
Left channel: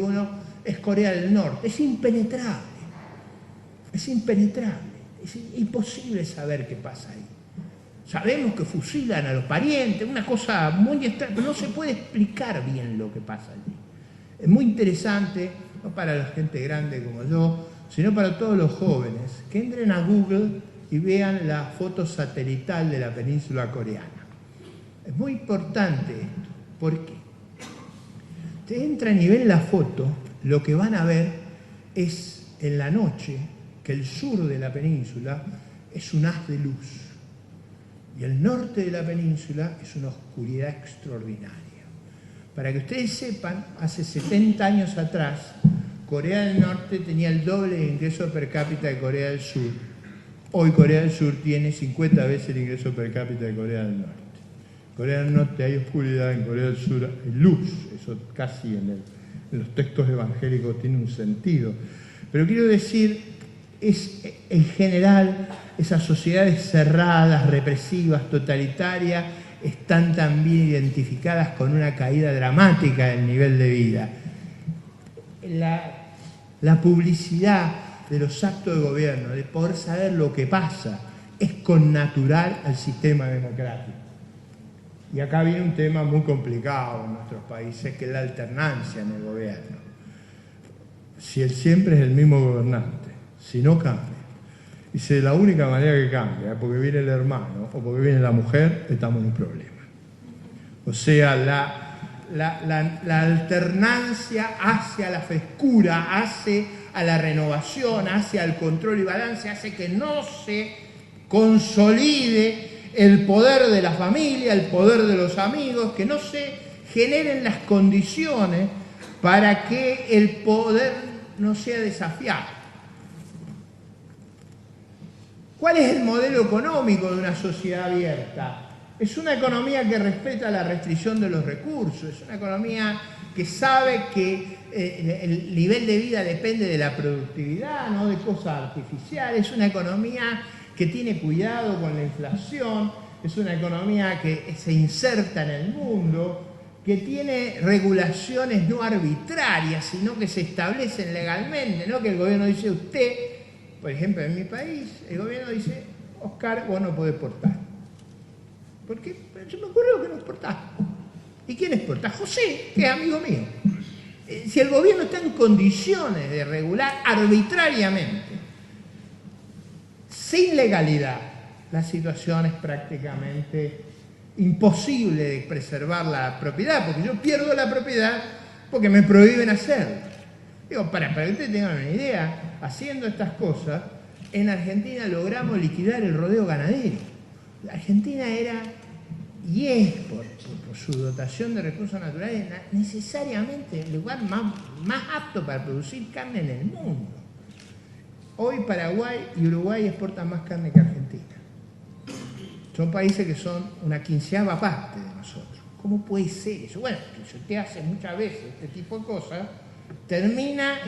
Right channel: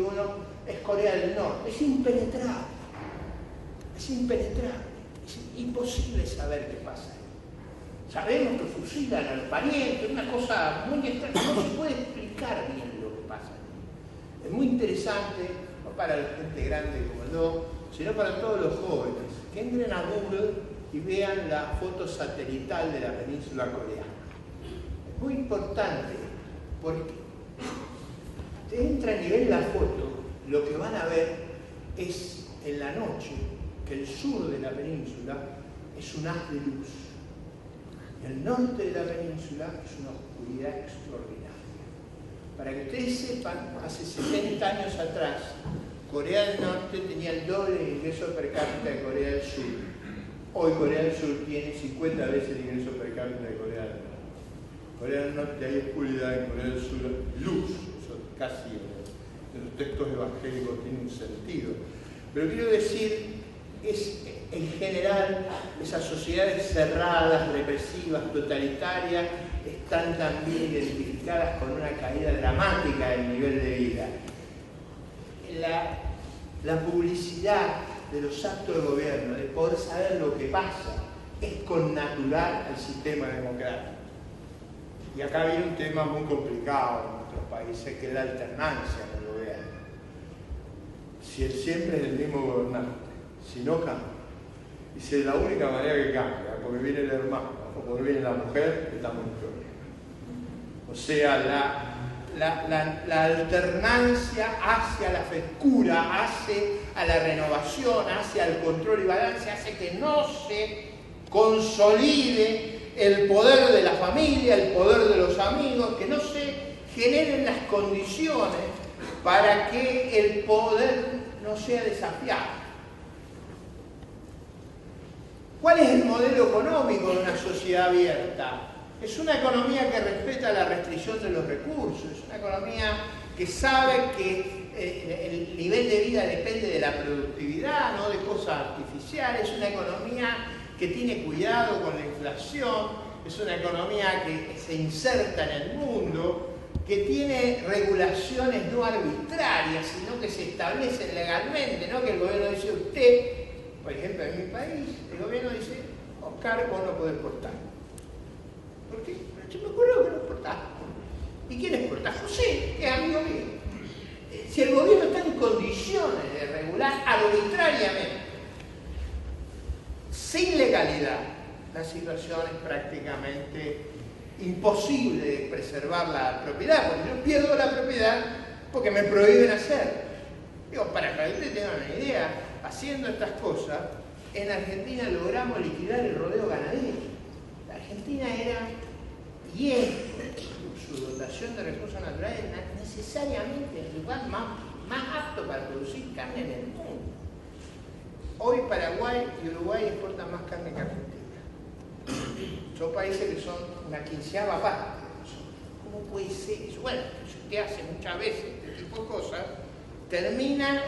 es Corea del Norte. Es impenetrable. Es impenetrable. Es imposible saber qué pasa ahí. Sabemos que fusilan a los parientes, una cosa muy extraña. No se puede explicar bien lo que pasa allí. Es muy interesante, no para la gente grande como yo, sino para todos los jóvenes, que entren a Google y vean la foto satelital de la península coreana. Es muy importante esto, porque ustedes entran y ven la foto, lo que van a ver es en la noche que el sur de la península es un haz de luz y el norte de la península es una oscuridad extraordinaria. Para que ustedes sepan, hace 70 años atrás, Corea del Norte tenía el doble de ingreso per cápita de Corea del Sur. Hoy Corea del Sur tiene 50 veces el ingreso per cápita de Corea del Norte. En Corea del Norte hay oscuridad, en Corea del Sur hay luz. Eso casi en los textos evangélicos tiene un sentido. Pero quiero decir, en general, esas sociedades cerradas, represivas, totalitarias, están también identificadas con una caída dramática del nivel de vida. La publicidad de los actos de gobierno, de poder saber lo que pasa, es connatural al sistema democrático. Y acá viene un tema muy complicado en nuestros países, que es la alternancia en el gobierno. Si siempre es el mismo gobernante, si no cambia, y si es la única manera que cambia, porque viene el hermano o porque viene la mujer, estamos en problema. O sea, la alternancia hacia la frescura, hace a la renovación, hacia el control y balance, hace que no se consolide el poder de la familia, el poder de los amigos, que no se generen las condiciones para que el poder no sea desafiado. ¿Cuál es el modelo económico de una sociedad abierta? Es una economía que respeta la restricción de los recursos, es una economía que sabe que el nivel de vida depende de la productividad, no de cosas artificiales, es una economía que tiene cuidado con la inflación, es una economía que se inserta en el mundo, que tiene regulaciones no arbitrarias, sino que se establecen legalmente, no que el gobierno dice usted, por ejemplo en mi país, el gobierno dice, Oscar, vos no podés exportar. ¿Por qué? Pero yo me acuerdo que no exportaste. ¿Y quién exporta? José, que es amigo mío. Si el gobierno está en condiciones de regular arbitrariamente, sin legalidad, la situación es prácticamente imposible de preservar la propiedad, porque yo pierdo la propiedad porque me prohíben hacerlo. Digo, para que ustedes tengan una idea, haciendo estas cosas, en Argentina logramos liquidar el rodeo ganadero. Argentina era, y es, por su dotación de recursos naturales, necesariamente el lugar más apto para producir carne en el mundo. Hoy Paraguay y Uruguay exportan más carne que Argentina. Son países que son una 15ª parte de nosotros. ¿Cómo puede ser eso? Bueno, si usted hace muchas veces este tipo de cosas, termina...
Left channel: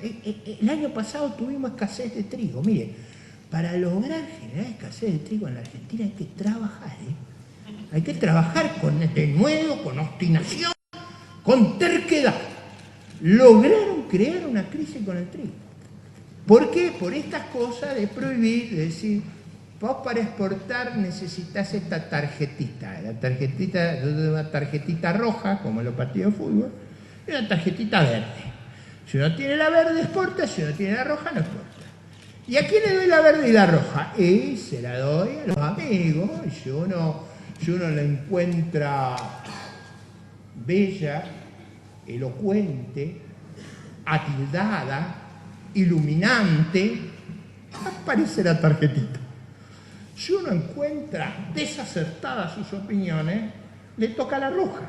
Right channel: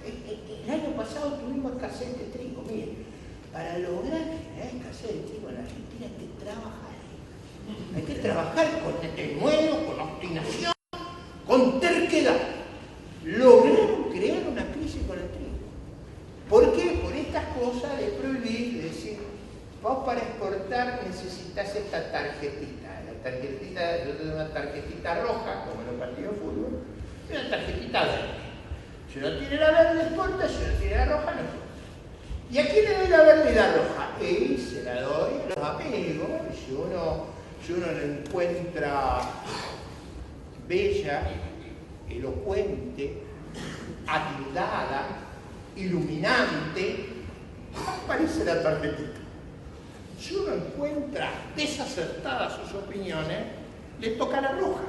El año pasado tuvimos escasez de trigo. Miren, para lograr generar escasez de trigo en la Argentina hay que trabajar, ¿eh? Hay que trabajar con denuedo, con obstinación, con terquedad. Lograron crear una crisis con el trigo. ¿Por qué? Por estas cosas de prohibir, de decir, vos para exportar necesitas esta tarjetita. La tarjetita, yo doy una tarjetita roja, como en los partidos de fútbol, y una tarjetita verde. Si uno tiene la verde, exporta, si uno tiene la roja, no exporta. ¿Y a quién le doy la verde y la roja? Y se la doy a los amigos. Y si uno la encuentra bella, elocuente, atildada, iluminante, aparece la tarjetita. Si uno encuentra desacertadas sus opiniones, le toca la roja.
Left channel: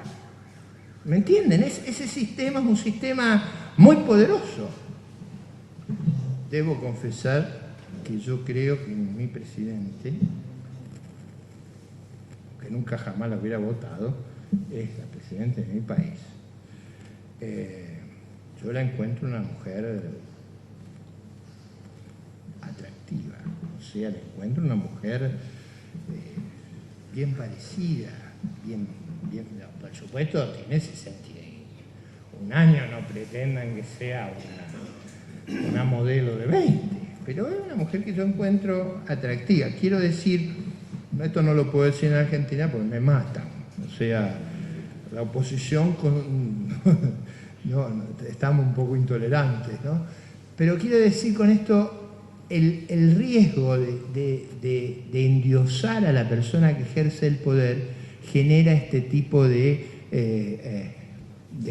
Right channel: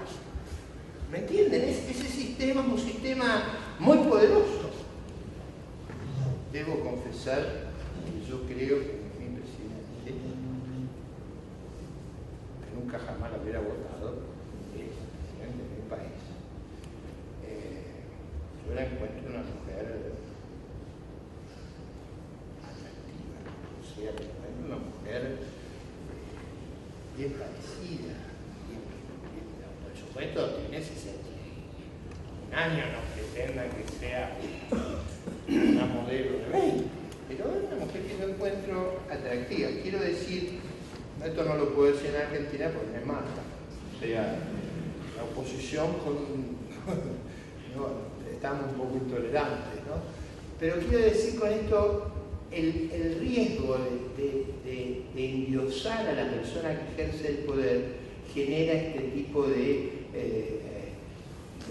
¿Me entienden? Ese sistema es un sistema muy poderoso. Debo confesar que yo creo que mi presidente, que nunca jamás lo hubiera votado, es el presidente de mi país. Yo la encuentro una mujer atractiva, o sea, la encuentro una mujer bien parecida, bien, por supuesto tiene 61 años, no pretendan que sea una modelo de 20, pero es una mujer que yo encuentro atractiva. Quiero decir, esto no lo puedo decir en Argentina porque me matan, o sea, la oposición no, estamos un poco intolerantes, ¿no? Pero quiero decir con esto, el riesgo de endiosar a la persona que ejerce el poder genera este tipo de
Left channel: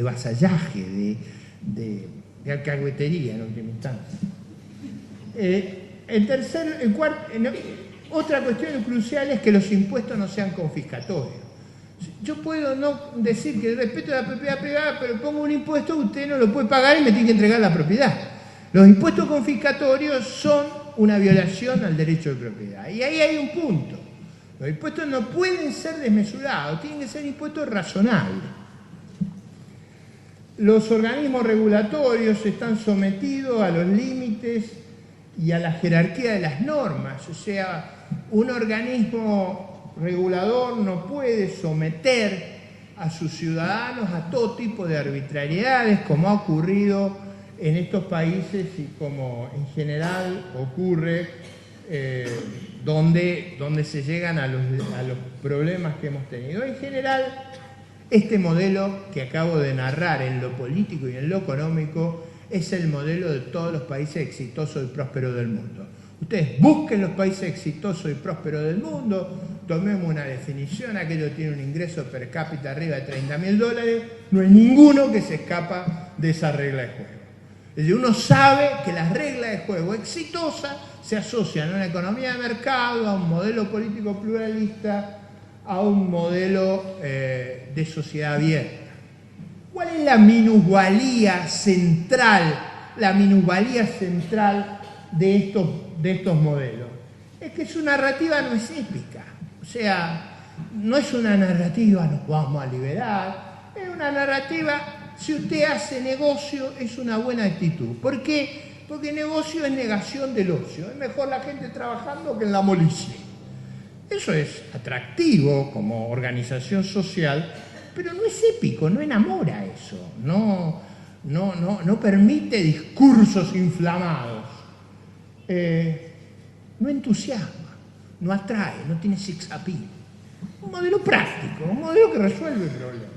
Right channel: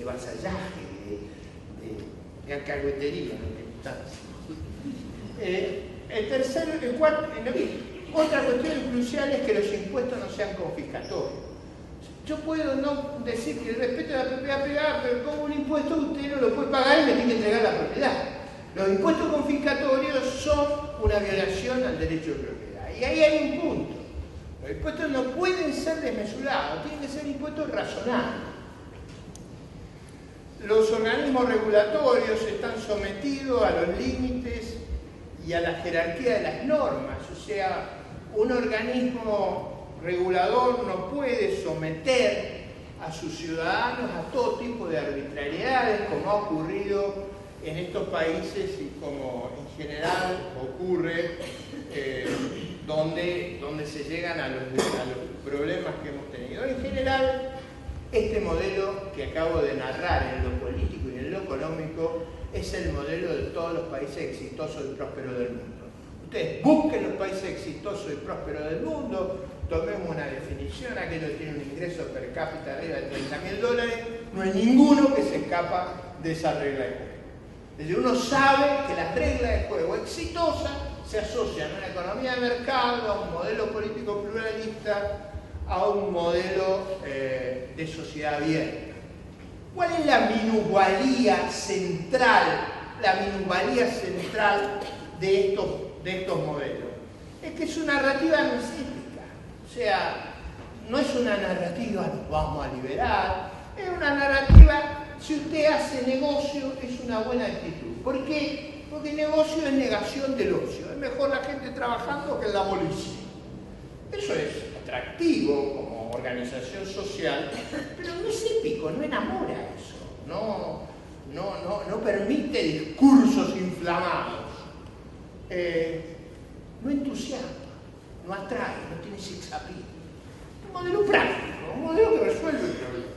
vasallaje, de alcahuetería en última instancia. Otra cuestión crucial es que los impuestos no sean confiscatorios. Yo puedo no decir que respeto a la propiedad privada, pero pongo un impuesto, usted no lo puede pagar y me tiene que entregar la propiedad. Los impuestos confiscatorios son una violación al derecho de propiedad. Y ahí hay un punto. Los impuestos no pueden ser desmesurados, tienen que ser impuestos razonables. Los organismos regulatorios están sometidos a los límites y a la jerarquía de las normas. O sea, un organismo regulador no puede someter a sus ciudadanos a todo tipo de arbitrariedades, como ha ocurrido en estos países y como en general ocurre donde se llegan a los problemas que hemos tenido. En general, este modelo que acabo de narrar en lo político y en lo económico es el modelo de todos los países exitosos y prósperos del mundo. Ustedes busquen los países exitosos y prósperos del mundo, tomemos una definición, aquello tiene un ingreso per cápita arriba de $30.000, no hay ninguno que se escapa de esa regla de juego. Es decir, uno sabe que las reglas de juego exitosas se asocian a una economía de mercado, a un modelo político pluralista, a un modelo de sociedad abierta. ¿Cuál es la minusvalía central de estos modelos? Es que su narrativa no es épica. O sea, no es una narrativa, nos vamos a liberar, es una narrativa, si usted hace negocio, es una buena actitud. ¿Por qué? Porque negocio es negación del ocio. Es mejor la gente trabajando que en la molicie. Eso es atractivo como organización social, pero no es épico, no enamora eso, no permite discursos inflamados, no entusiasma, no atrae, no tiene sex appeal. Un modelo práctico, un modelo que resuelve el problema.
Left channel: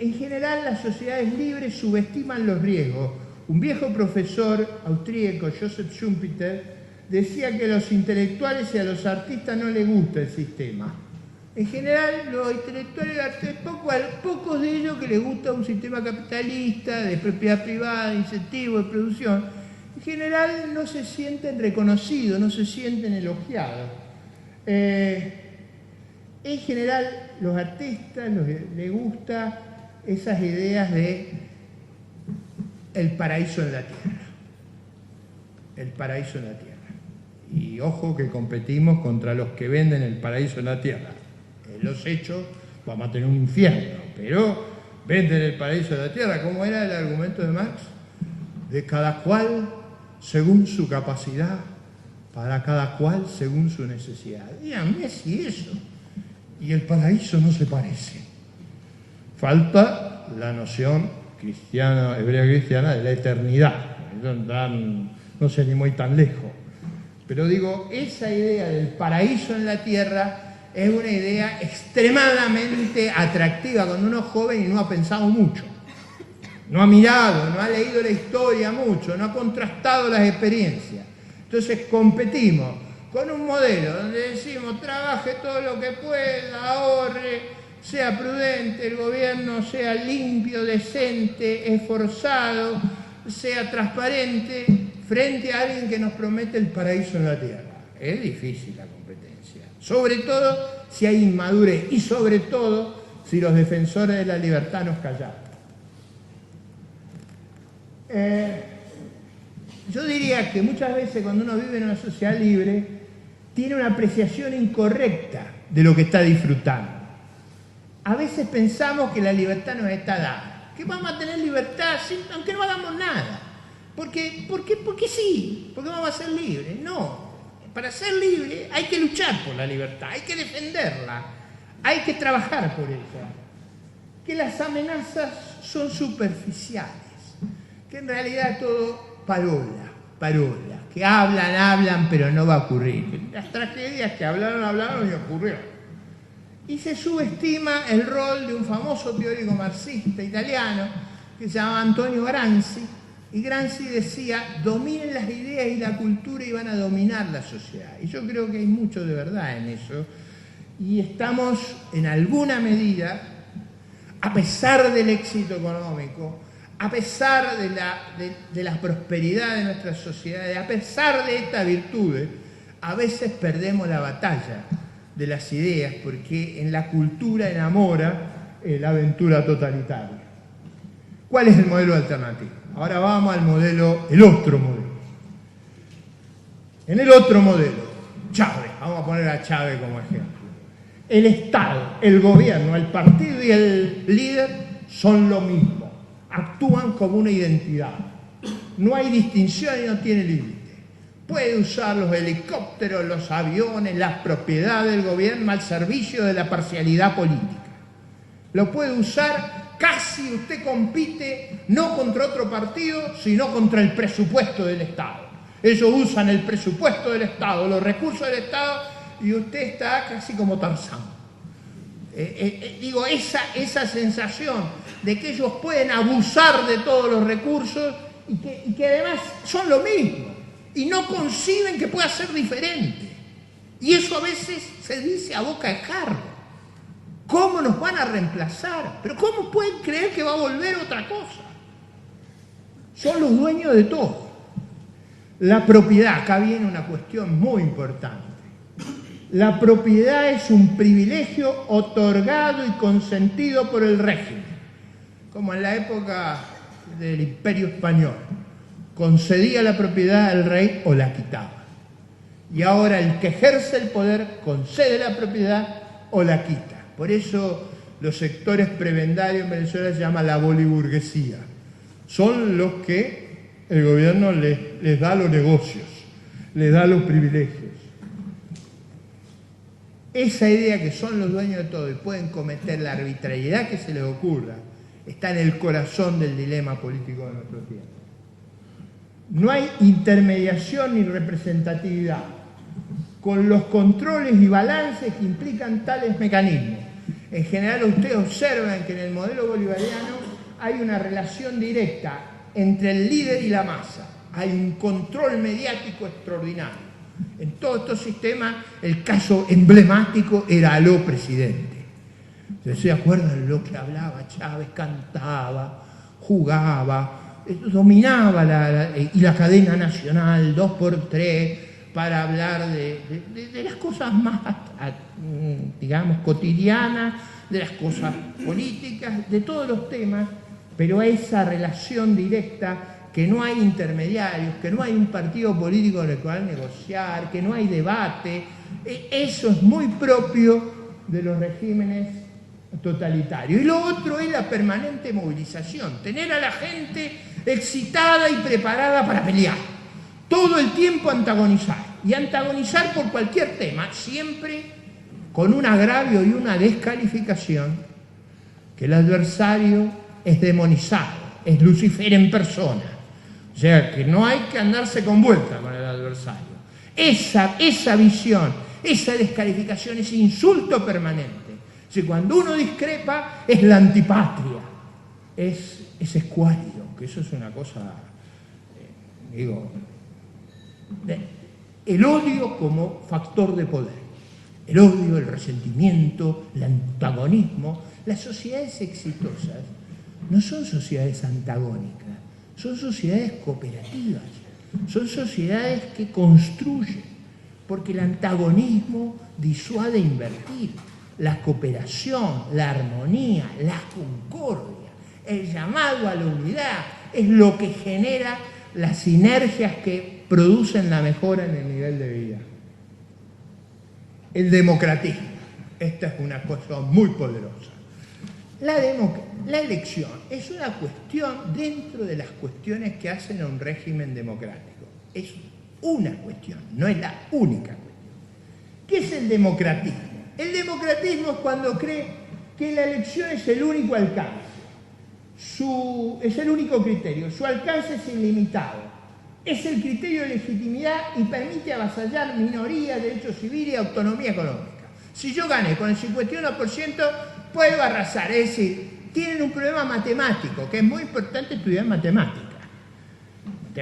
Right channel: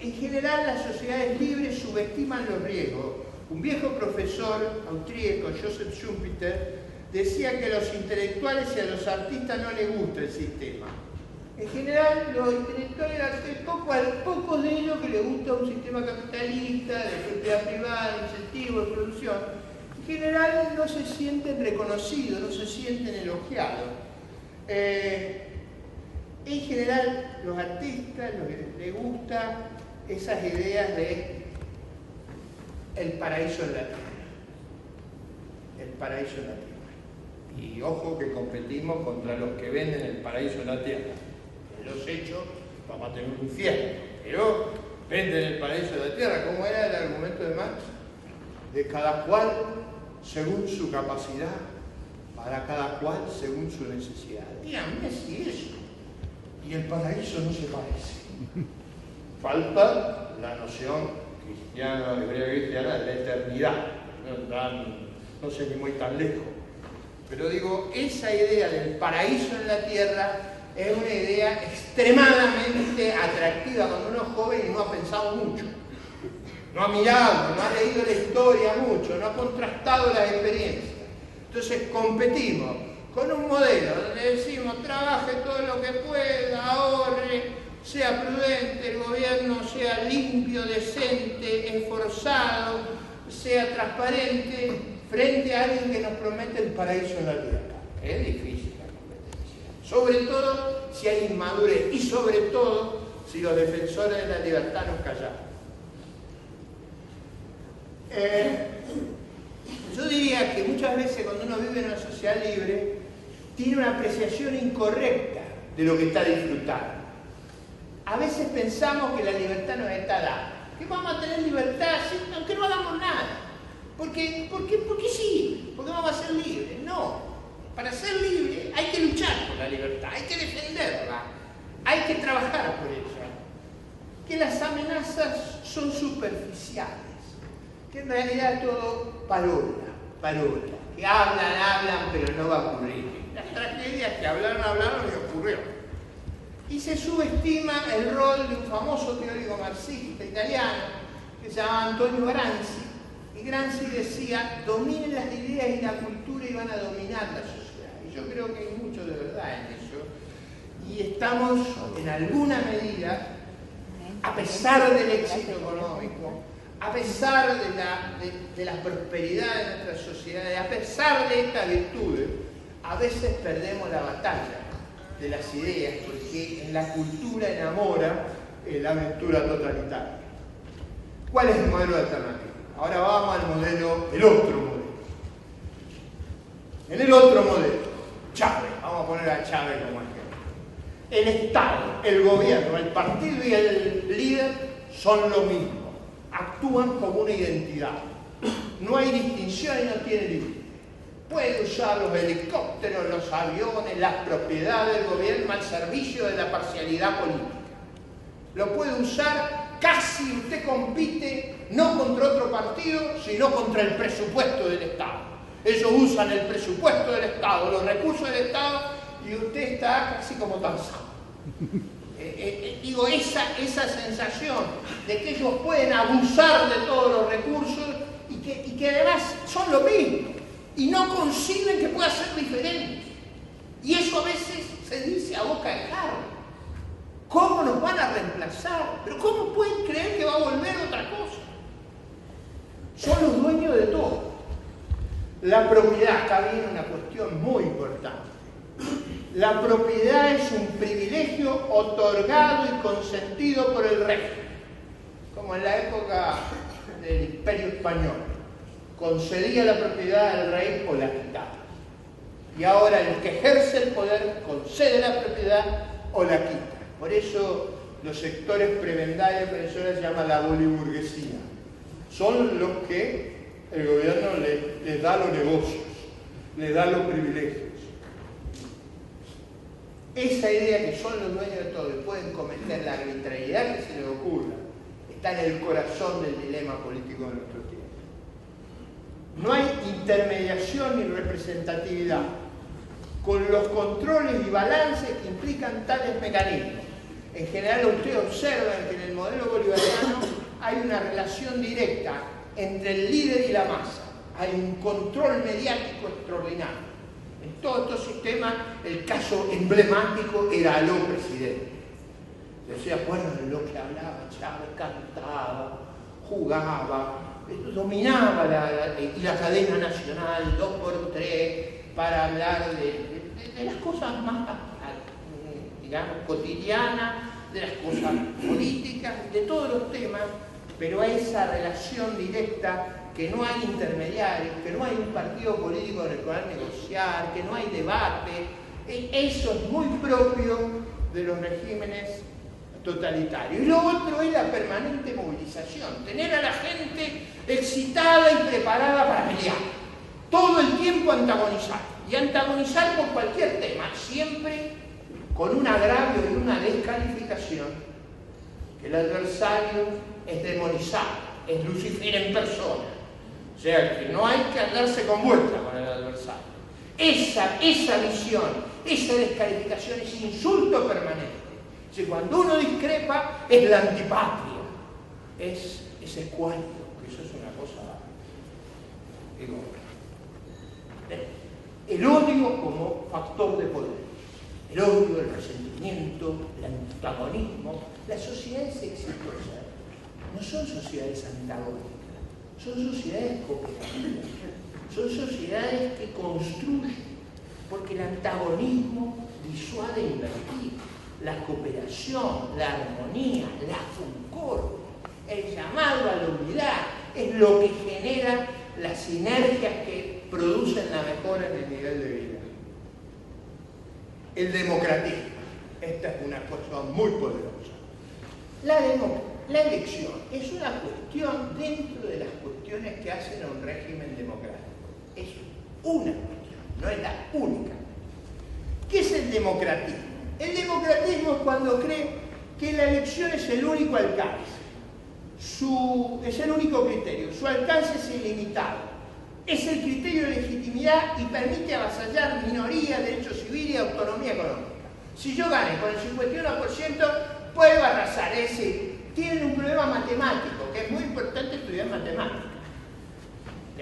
En general, las sociedades libres subestiman los riesgos. Un viejo profesor austríaco, Joseph Schumpeter, decía que a los intelectuales y a los artistas no les gusta el sistema. En general, los intelectuales pocos de ellos que les gusta un sistema capitalista, de propiedad privada, de incentivo, de producción, en general no se sienten reconocidos, no se sienten elogiados. En general, los artistas les gustan esas ideas de el paraíso en la tierra. El paraíso en la tierra. Y ojo que competimos contra los que venden el paraíso en la tierra. En los hechos vamos a tener un infierno, pero venden el paraíso en la tierra. ¿Cómo era el argumento de Marx? De cada cual según su capacidad, para cada cual según su necesidad. Díganme si eso y el paraíso no se parece. Falta la noción cristiana, hebrea cristiana, de la eternidad. No sé ni muy tan lejos. Pero digo, esa idea del paraíso en la tierra es una idea extremadamente atractiva cuando uno es joven y no ha pensado mucho. No ha mirado, no ha leído la historia mucho, no ha contrastado las experiencias. Entonces competimos con un modelo donde decimos trabaje todo lo que pueda, ahorre, sea prudente, el gobierno sea limpio, decente, esforzado, sea transparente, frente a alguien que nos promete el paraíso en la tierra. Es difícil la competencia. Sobre todo si hay inmadurez y sobre todo si los defensores de la libertad nos callamos. Yo diría que muchas veces cuando uno vive en una sociedad libre tiene una apreciación incorrecta de lo que está disfrutando. A veces pensamos que la libertad nos está dada, que vamos a tener libertad aunque no hagamos nada. ¿Por qué sí? Porque vamos a ser libres. No, para ser libre hay que luchar por la libertad, hay que defenderla, hay que trabajar por ella. Que las amenazas son superficiales, que en realidad es todo parola, que hablan, pero no va a ocurrir. Las tragedias que hablaron y ocurrieron. Y se subestima el rol de un famoso teórico marxista italiano que se llamaba Antonio Gramsci, Y Gramsci decía, dominen las ideas y la cultura y van a dominar la sociedad. Y yo creo que hay mucho de verdad en eso. Y estamos, en alguna medida, a pesar del éxito económico, a pesar de la prosperidad de nuestras sociedades, a pesar de estas virtudes, a veces perdemos la batalla de las ideas, porque en la cultura enamora la aventura totalitaria. ¿Cuál es el modelo alternativo? Ahora vamos al modelo, el otro modelo. En el otro modelo, Chávez, vamos a poner a Chávez como ejemplo. El Estado, el gobierno, el partido y el líder son lo mismo. Actúan como una identidad. No hay distinción y no tiene límite. Puede usar los helicópteros, los aviones, las propiedades del gobierno al servicio de la parcialidad política. Lo puede usar, casi usted compite no contra otro partido, sino contra el presupuesto del Estado. Ellos usan el presupuesto del Estado, los recursos del Estado, y usted está casi como Tarzán. Digo, esa sensación de que ellos pueden abusar de todos los recursos y que además son lo mismo y no conciben que pueda ser diferente. Y eso a veces se dice a boca de jarro. ¿Cómo nos van a reemplazar? ¿Pero cómo pueden creer que va a volver otra cosa? Son los dueños de todo. La propiedad, acá viene una cuestión muy importante. La propiedad es un privilegio otorgado y consentido por el régimen, como en la época del Imperio Español. Concedía la propiedad al rey o la quitaba. Y ahora el que ejerce el poder concede la propiedad o la quita. Por eso los sectores prebendarios en Venezuela se llama la boliburguesía. Son los que el gobierno les da los negocios, les da los privilegios. Esa idea que son los dueños de todo y pueden cometer la arbitrariedad que se les ocurra, está en el corazón del dilema político de nuestro tiempo. No hay intermediación ni representatividad, con los controles y balances que implican tales mecanismos. En general ustedes observan que en el modelo bolivariano hay una relación directa entre el líder y la masa. Hay un control mediático extraordinario. En todos estos sistemas el caso emblemático era Aló presidente. ¿Se acuerdan de lo que hablaba Chávez? Cantaba, jugaba, dominaba la cadena nacional 2x3 para hablar de las cosas más, digamos, cotidianas, de las cosas políticas, de todos los temas, pero esa relación directa, que no hay intermediarios, que no hay un partido político en el cual negociar, que no hay debate, eso es muy propio de los regímenes totalitarios. Y lo otro es la permanente movilización, tener a la gente excitada y preparada para pelear, todo el tiempo antagonizar, y antagonizar por cualquier tema, siempre con un agravio y una descalificación, que el adversario es demonizado, es Lucifer en persona. O sea, que no hay que andarse con vuelta con el adversario. Esa visión, esa descalificación, ese insulto permanente. O sea, cuando uno discrepa, es la antipatria, es escuálido, que eso es una cosa, digo, el odio como factor de poder. El odio, el resentimiento, el antagonismo. Las sociedades exitosas no son sociedades antagónicas. Son sociedades cooperativas, son sociedades que construyen, porque el antagonismo disuade invertir, la cooperación, la armonía, la concordia, el llamado a la unidad, es lo que genera las sinergias que producen la mejora en el nivel de vida. El democratismo, esta es una cosa muy poderosa. La elección es una cuestión dentro de las cuestiones que hacen a un régimen democrático. Es una cuestión, no es la única. ¿Qué es el democratismo? El democratismo es cuando cree que la elección es el único alcance, es el único criterio, su alcance es ilimitado, es el criterio de legitimidad y permite avasallar minorías, derechos civiles y autonomía económica. Si yo gané con el 51%, puedo arrasar, es decir, tienen un problema matemático, que es muy importante estudiar matemáticas.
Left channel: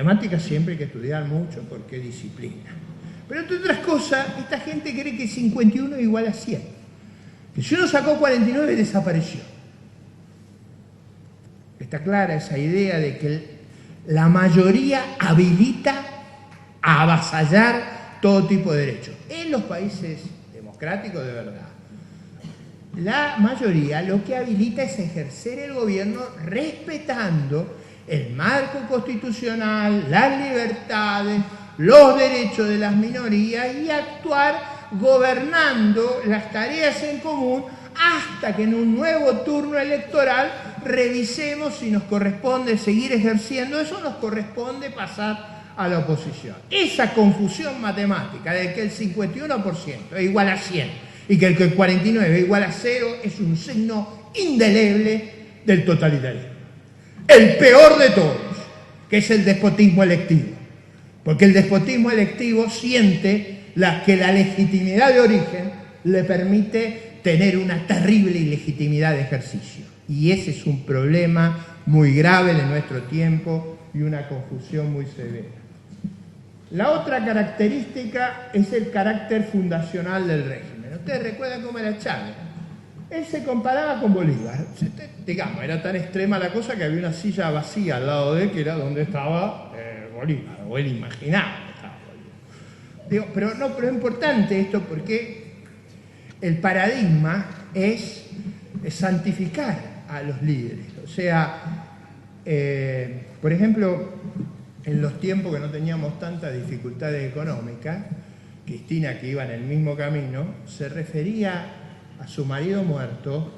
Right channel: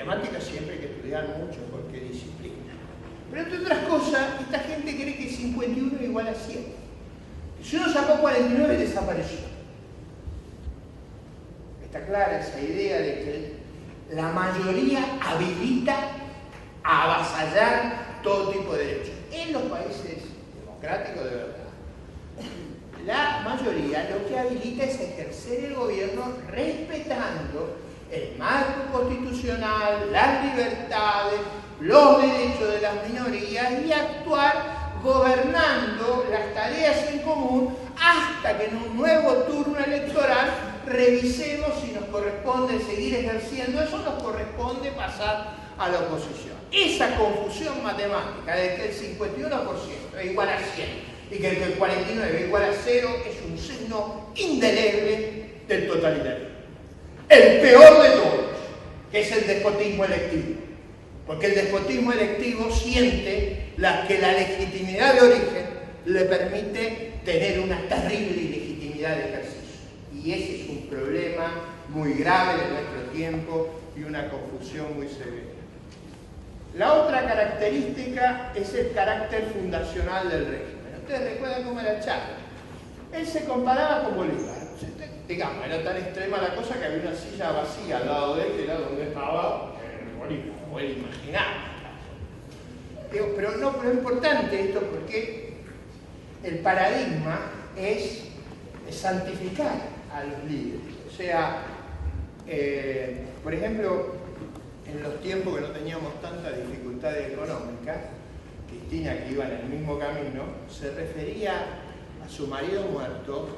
Matemáticas siempre hay que estudiar mucho porque es disciplina. Pero entre otras cosas, esta gente cree que 51 es igual a 100. Que si uno sacó 49, desapareció. Está clara esa idea de que la mayoría habilita a avasallar todo tipo de derechos. En los países democráticos de verdad, la mayoría lo que habilita es ejercer el gobierno respetando el marco constitucional, las libertades, los derechos de las minorías y actuar gobernando las tareas en común hasta que en un nuevo turno electoral revisemos si nos corresponde seguir ejerciendo eso o nos corresponde pasar a la oposición. Esa confusión matemática de que el 51% es igual a 100 y que el 49 es igual a 0 es un signo indeleble del totalitarismo. El peor de todos, que es el despotismo electivo. Porque el despotismo electivo siente que la legitimidad de origen le permite tener una terrible ilegitimidad de ejercicio. Y ese es un problema muy grave de nuestro tiempo y una confusión muy severa. La otra característica es el carácter fundacional del régimen. Ustedes recuerdan cómo era Chávez. Él se comparaba con Bolívar. Digamos, era tan extrema la cosa que había una silla vacía al lado de él, que era donde estaba Bolívar, o él imaginaba. Pero es importante esto porque el paradigma es santificar a los líderes. O sea, por ejemplo, en los tiempos que no teníamos tantas dificultades económicas, Cristina, que iba en el mismo camino, se refería a su marido muerto,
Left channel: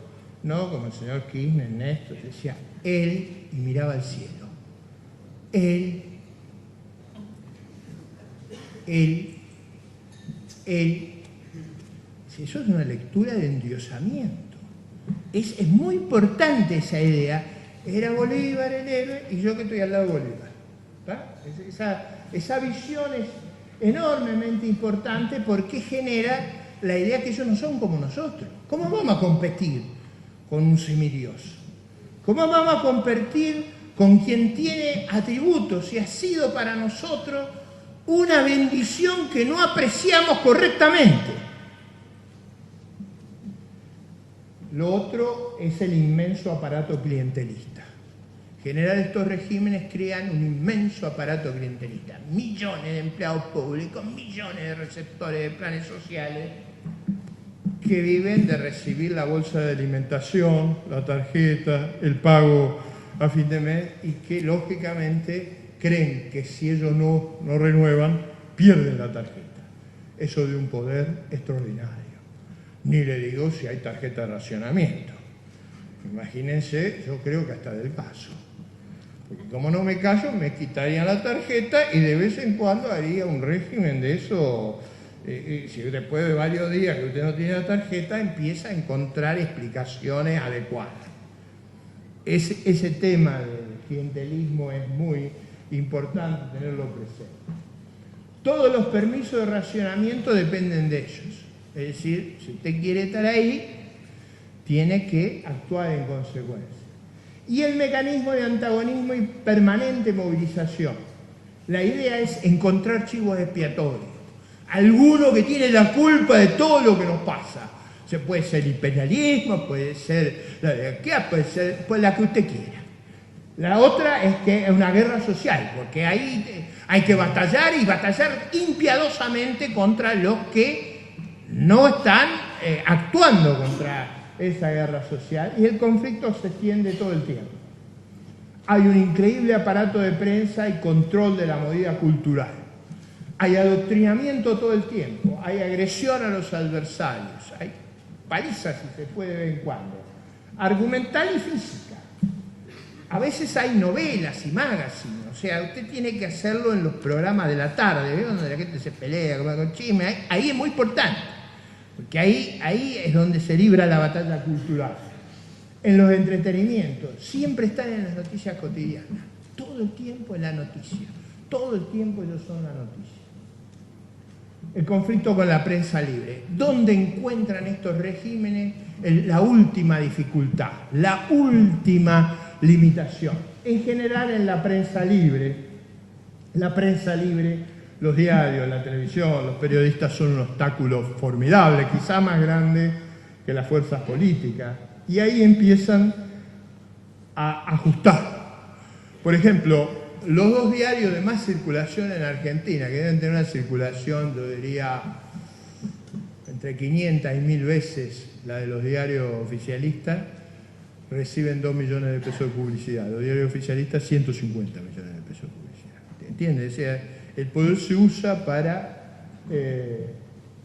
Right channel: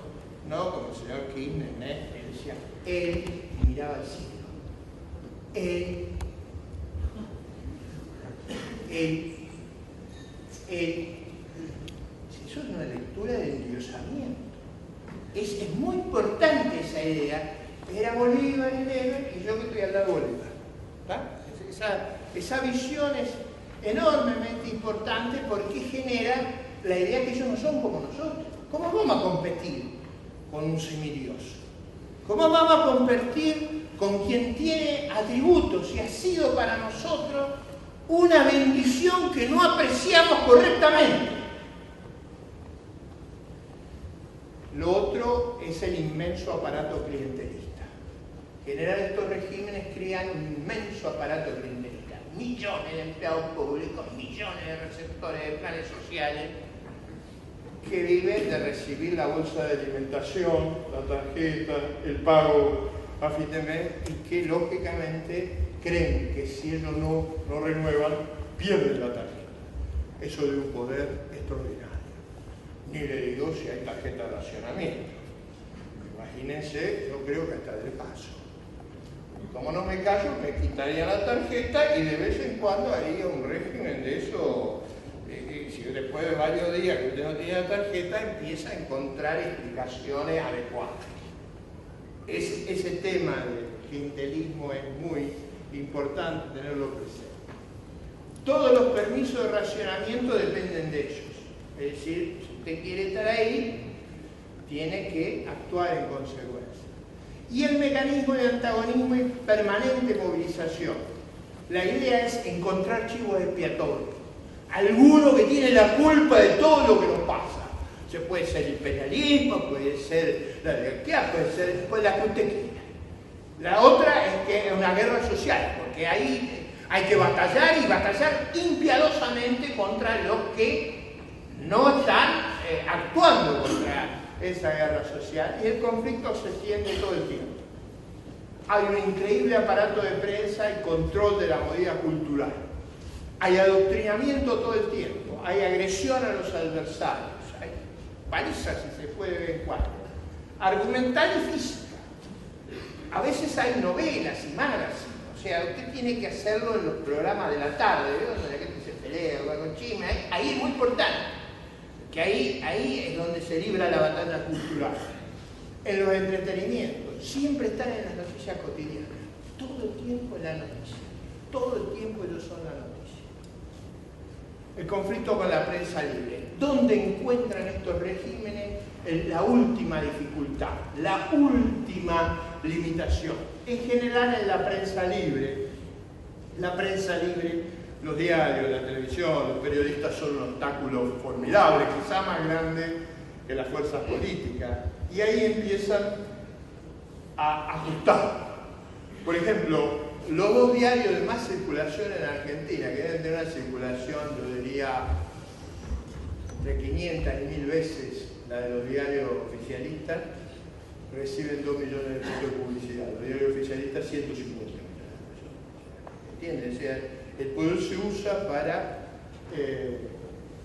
¿no? Como el señor Kirchner, Néstor, decía, él, y miraba al cielo. Él. Si eso es una lectura de endiosamiento. Es muy importante esa idea. Era Bolívar el héroe y yo que estoy al lado de Bolívar. Esa visión es enormemente importante porque genera la idea que ellos no son como nosotros. ¿Cómo vamos a competir con un semidios? ¿Cómo vamos a competir con quien tiene atributos y ha sido para nosotros una bendición que no apreciamos correctamente? Lo otro es el inmenso aparato clientelista. En general estos regímenes crean un inmenso aparato clientelista. Millones de empleados públicos, millones de receptores de planes sociales que viven de recibir la bolsa de alimentación, la tarjeta, el pago a fin de mes y que lógicamente creen que si ellos no renuevan, pierden la tarjeta. Eso de un poder extraordinario. Ni le digo si hay tarjeta de racionamiento. Imagínense, yo creo que hasta del paso. Porque como no me callo, me quitaría la tarjeta y de vez en cuando haría un régimen de eso. Si después de varios días que usted no tiene la tarjeta, empieza a encontrar explicaciones adecuadas. Ese tema del clientelismo es muy importante tenerlo presente. Todos los permisos de racionamiento dependen de ellos. Es decir, si usted quiere estar ahí, tiene que actuar en consecuencia. Y el mecanismo de antagonismo y permanente movilización. La idea es encontrar chivos expiatorios. Alguno que tiene la culpa de todo lo que nos pasa. Se puede ser el imperialismo, puede ser la anarquía, puede ser pues la que usted quiera. La otra es que es una guerra social, porque ahí hay que batallar y batallar impiadosamente contra los que no están actuando contra esa guerra social y el conflicto se extiende todo el tiempo. Hay un increíble aparato de prensa y control de la movida cultural. Hay adoctrinamiento todo el tiempo, hay agresión a los adversarios, hay palizas si se puede de vez en cuando, argumental y física. A veces hay novelas y magazines, o sea, usted tiene que hacerlo en los programas de la tarde, ¿ve? Donde la gente se pelea, con chisme, ahí es muy importante. Porque ahí es donde se libra la batalla cultural. En los entretenimientos, siempre están en las noticias cotidianas. Todo el tiempo en la noticia. Todo el tiempo ellos son la noticia. El conflicto con la prensa libre. ¿Dónde encuentran estos regímenes la última dificultad? La última limitación. En general en la prensa libre. La prensa libre, los diarios, la televisión, los periodistas son un obstáculo formidable, quizá más grande que las fuerzas políticas. Y ahí empiezan a ajustar. Por ejemplo, los dos diarios de más circulación en Argentina, que deben tener una circulación, yo diría, entre 500 y 1000 veces la de los diarios oficialistas, reciben 2 millones de pesos de publicidad. Los diarios oficialistas, 150 millones de pesos de publicidad. ¿Entiendes? O sea, el poder se usa para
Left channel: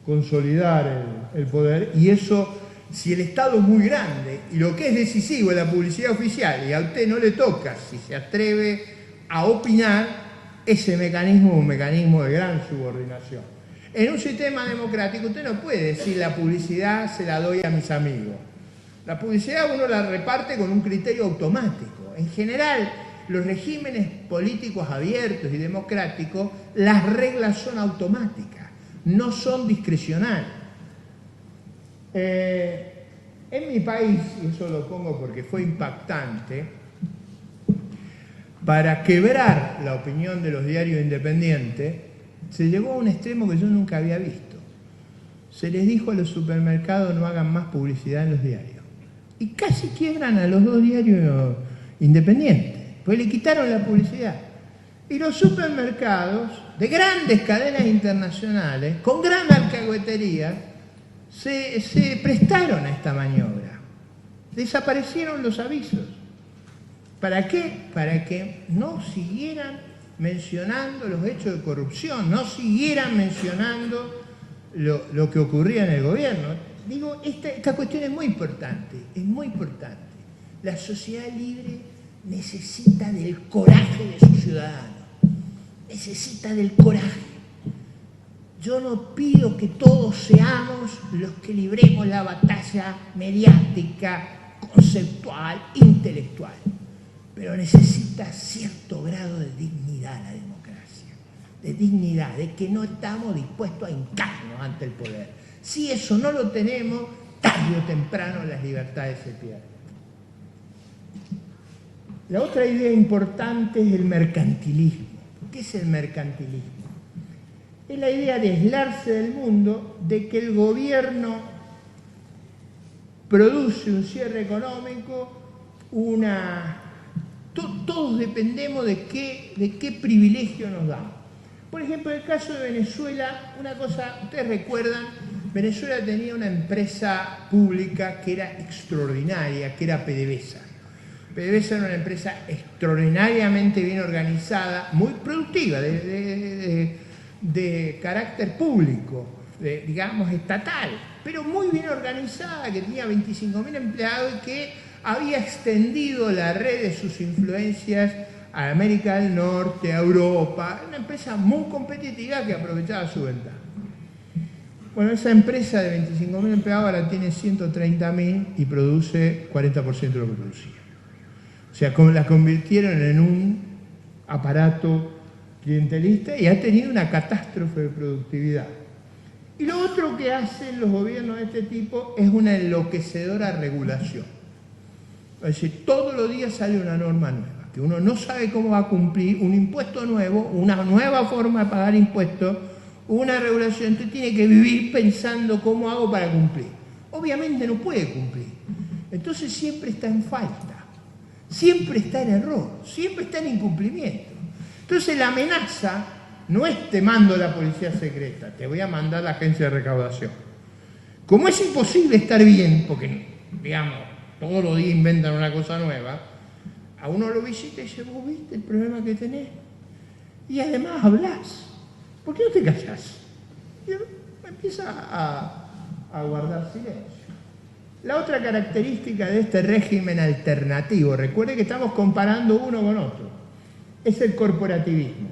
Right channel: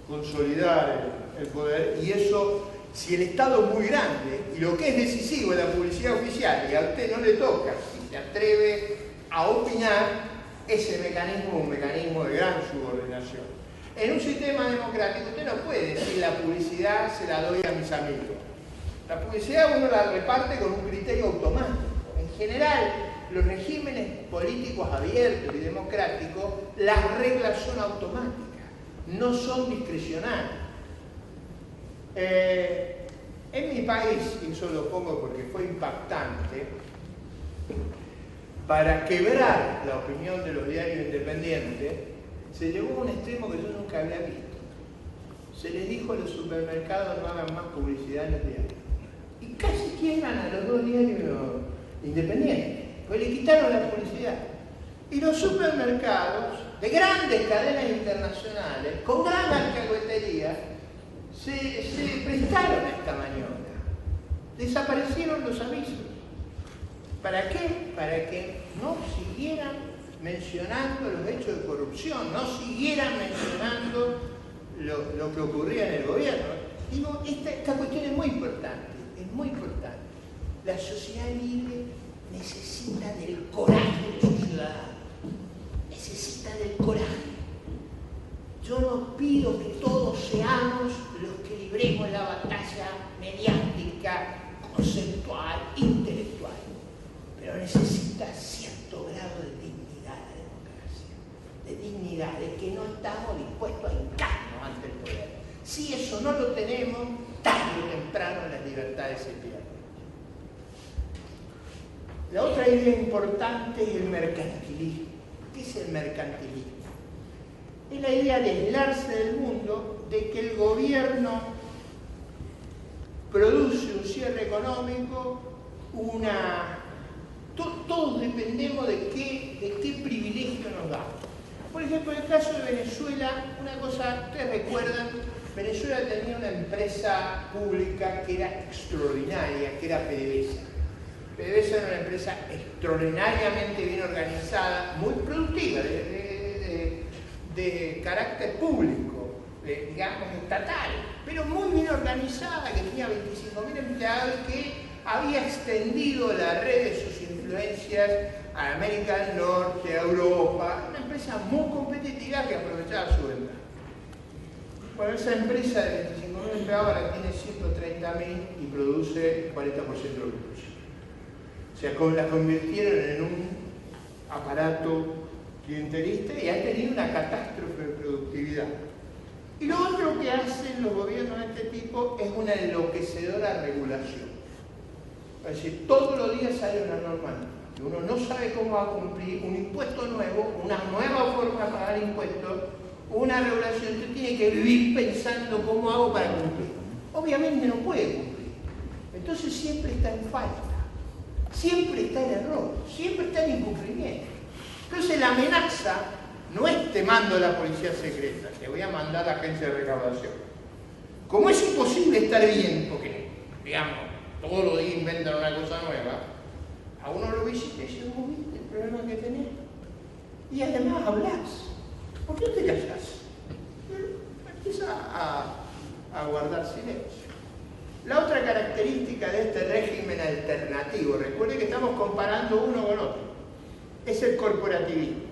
consolidar el poder, y eso, si el Estado es muy grande y lo que es decisivo es la publicidad oficial y a usted no le toca, si se atreve a opinar, ese mecanismo es un mecanismo de gran subordinación. En un sistema democrático usted no puede decir la publicidad se la doy a mis amigos. La publicidad uno la reparte con un criterio automático. En general, los regímenes políticos abiertos y democráticos, las reglas son automáticas, no son discrecionales. En mi país, y eso lo pongo porque fue impactante, para quebrar la opinión de los diarios independientes, se llegó a un extremo que yo nunca había visto. Se les dijo a los supermercados no hagan más publicidad en los diarios. Y casi quiebran a los dos diarios independientes, pues le quitaron la publicidad. Y los supermercados de grandes cadenas internacionales, con gran alcahuetería, se prestaron a esta maniobra. Desaparecieron los avisos. ¿Para qué? Para que no siguieran mencionando los hechos de corrupción, no siguieran mencionando lo que ocurría en el gobierno. Digo, esta cuestión es muy importante, es muy importante. La sociedad libre necesita del coraje de sus ciudadanos, necesita del coraje. Yo no pido que todos seamos los que libremos la batalla mediática, conceptual, intelectual, pero necesita cierto grado de dignidad la democracia, de dignidad, de que no estamos dispuestos a hincarnos ante el poder. Si eso no lo tenemos, tarde o temprano las libertades se pierden. La otra idea importante es el mercantilismo. ¿Qué es el mercantilismo? Es la idea de aislarse del mundo, de que el gobierno produce un cierre económico, todos dependemos de qué privilegio nos damos. Por ejemplo, en el caso de Venezuela, una cosa, ustedes recuerdan, Venezuela tenía una empresa pública que era extraordinaria, que era PDVSA. PDVSA era una empresa extraordinariamente bien organizada, muy productiva, de carácter público, digamos estatal, pero muy bien organizada, que tenía 25.000 empleados y que había extendido la red de sus influencias a América del Norte, a Europa, una empresa muy competitiva que aprovechaba su ventaja. Bueno, esa empresa de 25.000 empleados ahora tiene 130.000 y produce 40% de lo que producía. O sea, la convirtieron en un aparato clientelista y ha tenido una catástrofe de productividad. Y lo otro que hacen los gobiernos de este tipo es una enloquecedora regulación. Es decir, todos los días sale una norma nueva, que uno no sabe cómo va a cumplir, un impuesto nuevo, una nueva forma de pagar impuestos, una regulación. Usted tiene que vivir pensando cómo hago para cumplir. Obviamente no puede cumplir. Entonces siempre está en falta, siempre está en error, siempre está en incumplimiento. Entonces la amenaza no es te mando a la policía secreta, te voy a mandar a la agencia de recaudación. Como es imposible estar bien, porque, digamos, todos los días inventan una cosa nueva, a uno lo visita y dice, ¿vos viste el problema que tenés? Y además hablás. ¿Por qué no te callás? Y empieza a guardar silencio. La otra característica de este régimen alternativo, recuerde que estamos comparando uno con otro, es el corporativismo.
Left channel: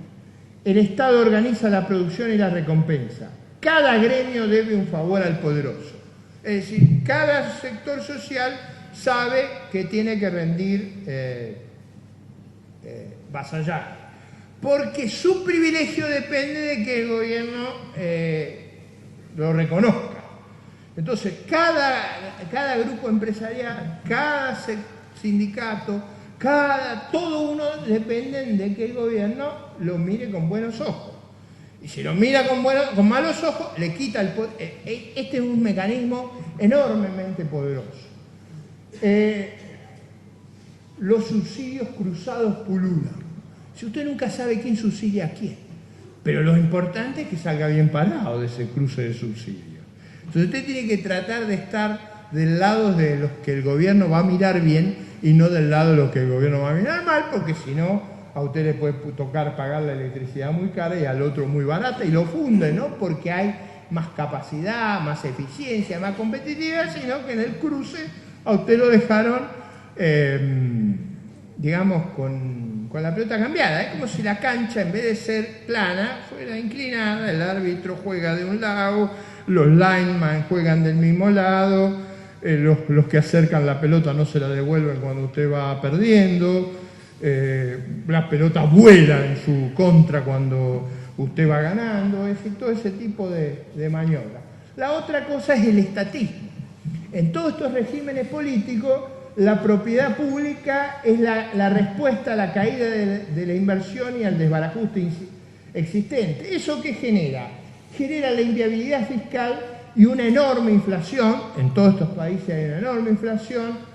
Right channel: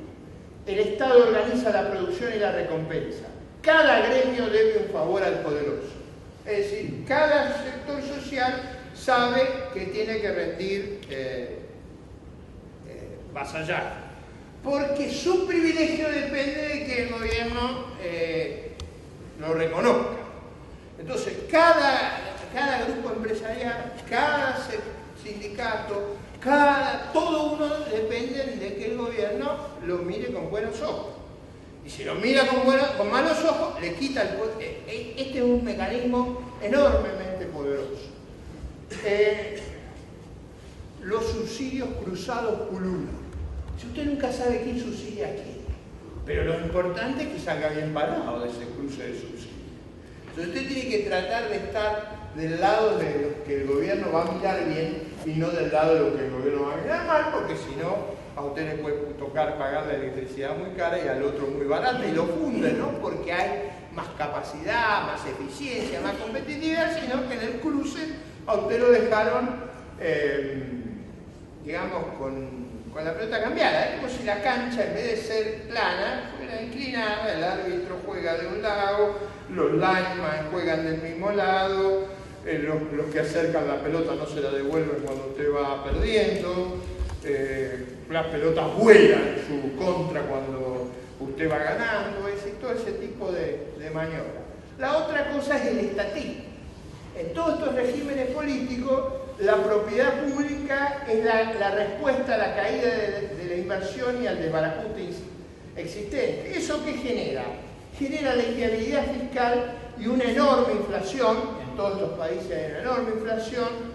El Estado organiza la producción y la recompensa. Cada gremio debe un favor al poderoso. Es decir, cada sector social sabe que tiene que rendir vasallaje, porque su privilegio depende de que el gobierno lo reconozca. Entonces, cada grupo empresarial, cada sindicato, todo uno depende de que el gobierno lo mire con buenos ojos. Y si lo mira con malos ojos, le quita el poder. Este es un mecanismo enormemente poderoso. Los subsidios cruzados pululan. Si usted nunca sabe quién subsidia a quién, pero lo importante es que salga bien parado de ese cruce de subsidios. Entonces usted tiene que tratar de estar del lado de los que el gobierno va a mirar bien y no del lado de los que el gobierno va a mirar mal, porque si no, a usted le puede tocar pagar la electricidad muy cara y al otro muy barata, y lo funde, no porque hay más capacidad, más eficiencia, más competitividad, sino que en el cruce a usted lo dejaron, digamos, con la pelota cambiada. Es como si la cancha, en vez de ser plana, fuera inclinada, el árbitro juega de un lado, los linemen juegan del mismo lado, los que acercan la pelota no se la devuelven cuando usted va perdiendo, las pelotas vuelan en su contra cuando usted va ganando, es decir, todo ese tipo de maniobras. La otra cosa es el estatismo. En todos estos regímenes políticos, la propiedad pública es la respuesta a la caída de la inversión y al desbarajuste existente. ¿Eso qué genera? Genera la inviabilidad fiscal y una enorme inflación. En todos estos países hay una enorme inflación,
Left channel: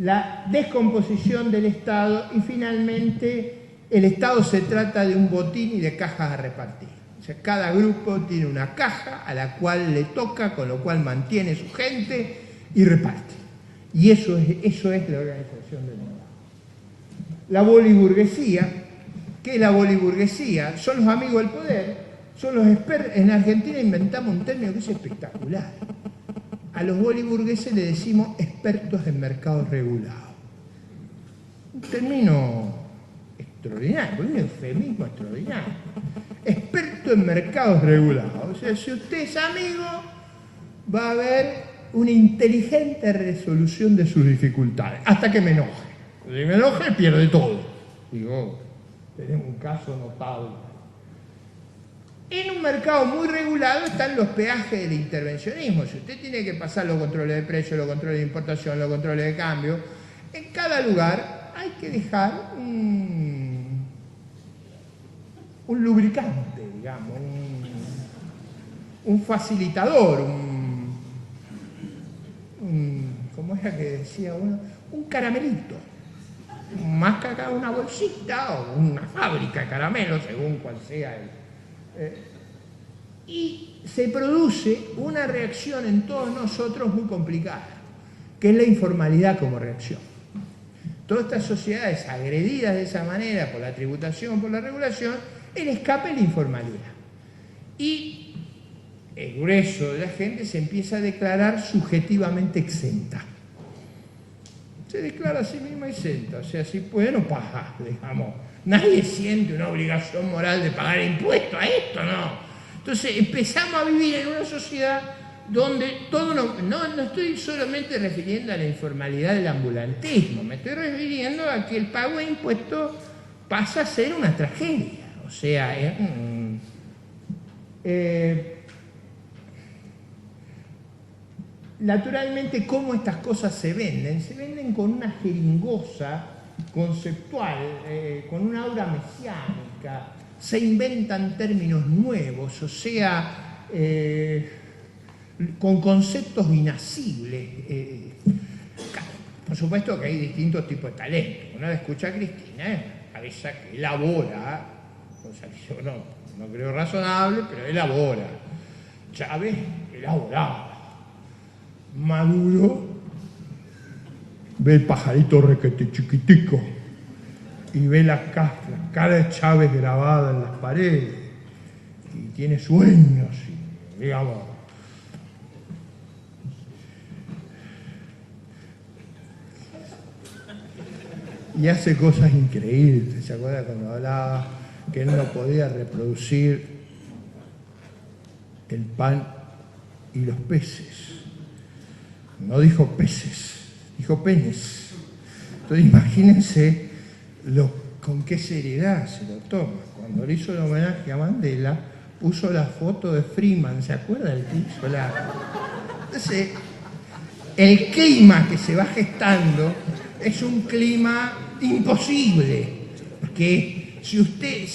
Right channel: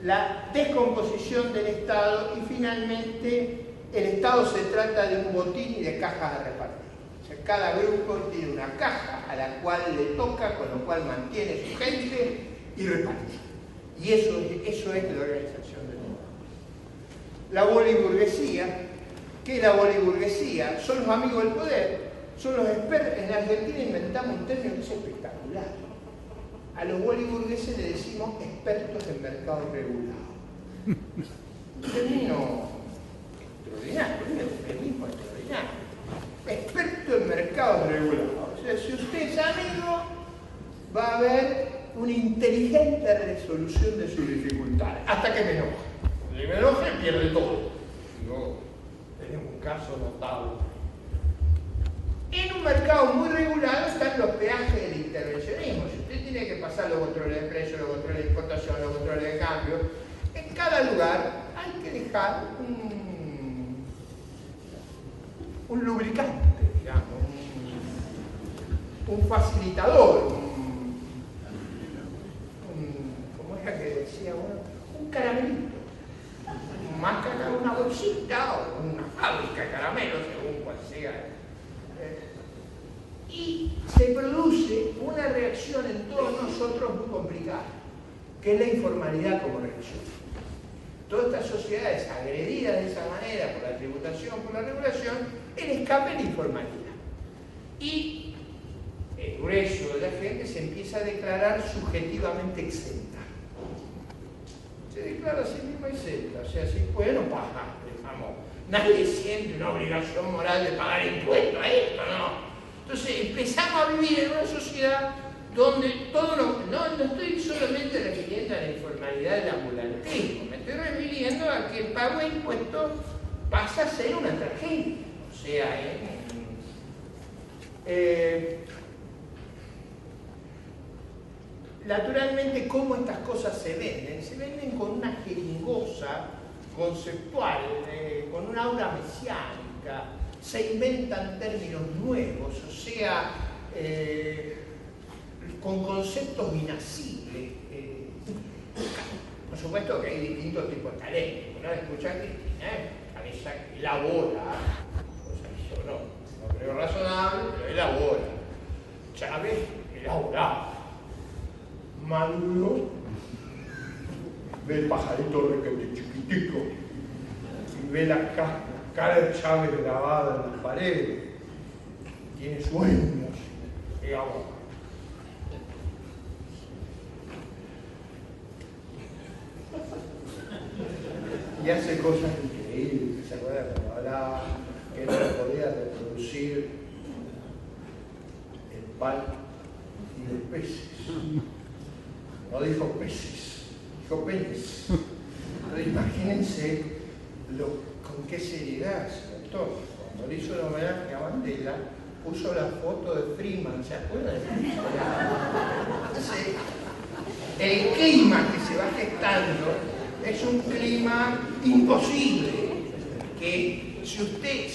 la descomposición del Estado y finalmente el Estado se trata de un botín y de cajas a repartir. O sea, cada grupo tiene una caja a la cual le toca, con lo cual mantiene su gente y reparte. Y eso es la organización del mundo. La boliburguesía, ¿qué es la boliburguesía? Son los amigos del poder, son los expertos. En Argentina inventamos un término que es espectacular. A los boliburgueses le decimos expertos en mercados regulados. Un término extraordinario, un eufemismo extraordinario. Experto en mercados regulados. O sea, si usted es amigo, va a haber una inteligente resolución de sus dificultades, hasta que me enoje. Si me enoje, pierde todo. Digo, tenemos un caso notable. En un mercado muy regulado están los peajes del intervencionismo. Si usted tiene que pasar los controles de precio, los controles de importación, los controles de cambio, en cada lugar hay que dejar un lubricante, digamos, un facilitador, ¿cómo era que decía uno? Un caramelito. Más que una bolsita o una fábrica de caramelos, según cual sea. Y se produce una reacción en todos nosotros muy complicada, que es la informalidad como reacción. Todas estas sociedades agredidas de esa manera por la tributación, por la regulación, el escape es la informalidad. Y el grueso de la gente se empieza a declarar subjetivamente exenta. Se declara a sí misma exenta, o sea, si puede no paga, digamos. Nadie siente una obligación moral de pagar impuestos a esto, no. Entonces empezamos a vivir en una sociedad donde todo no estoy solamente refiriendo a la informalidad del ambulantismo, me estoy refiriendo a que el pago de impuestos pasa a ser una tragedia. O sea, naturalmente, ¿cómo estas cosas se venden? Se venden con una jeringosa conceptual, con una aura mesiánica, se inventan términos nuevos, o sea, con conceptos inacibles. Por supuesto que hay distintos tipos de talento. Una vez escucha a Cristina, cabeza que elabora, cosa que yo no creo razonable, pero elabora. Chávez elaboraba. Maduro ve el pajarito requete chiquitico y ve la cara de Chávez grabada en las paredes y tiene sueños, digamos. Y hace cosas increíbles. ¿Se acuerda cuando hablaba que él no podía reproducir el pan y los peces? No dijo peces, dijo penes. Entonces imagínense con qué seriedad se lo toma. Cuando le hizo el homenaje a Mandela, puso la foto de Freeman, ¿se acuerda del tipo? Entonces, el clima que se va gestando es un clima imposible, que si usted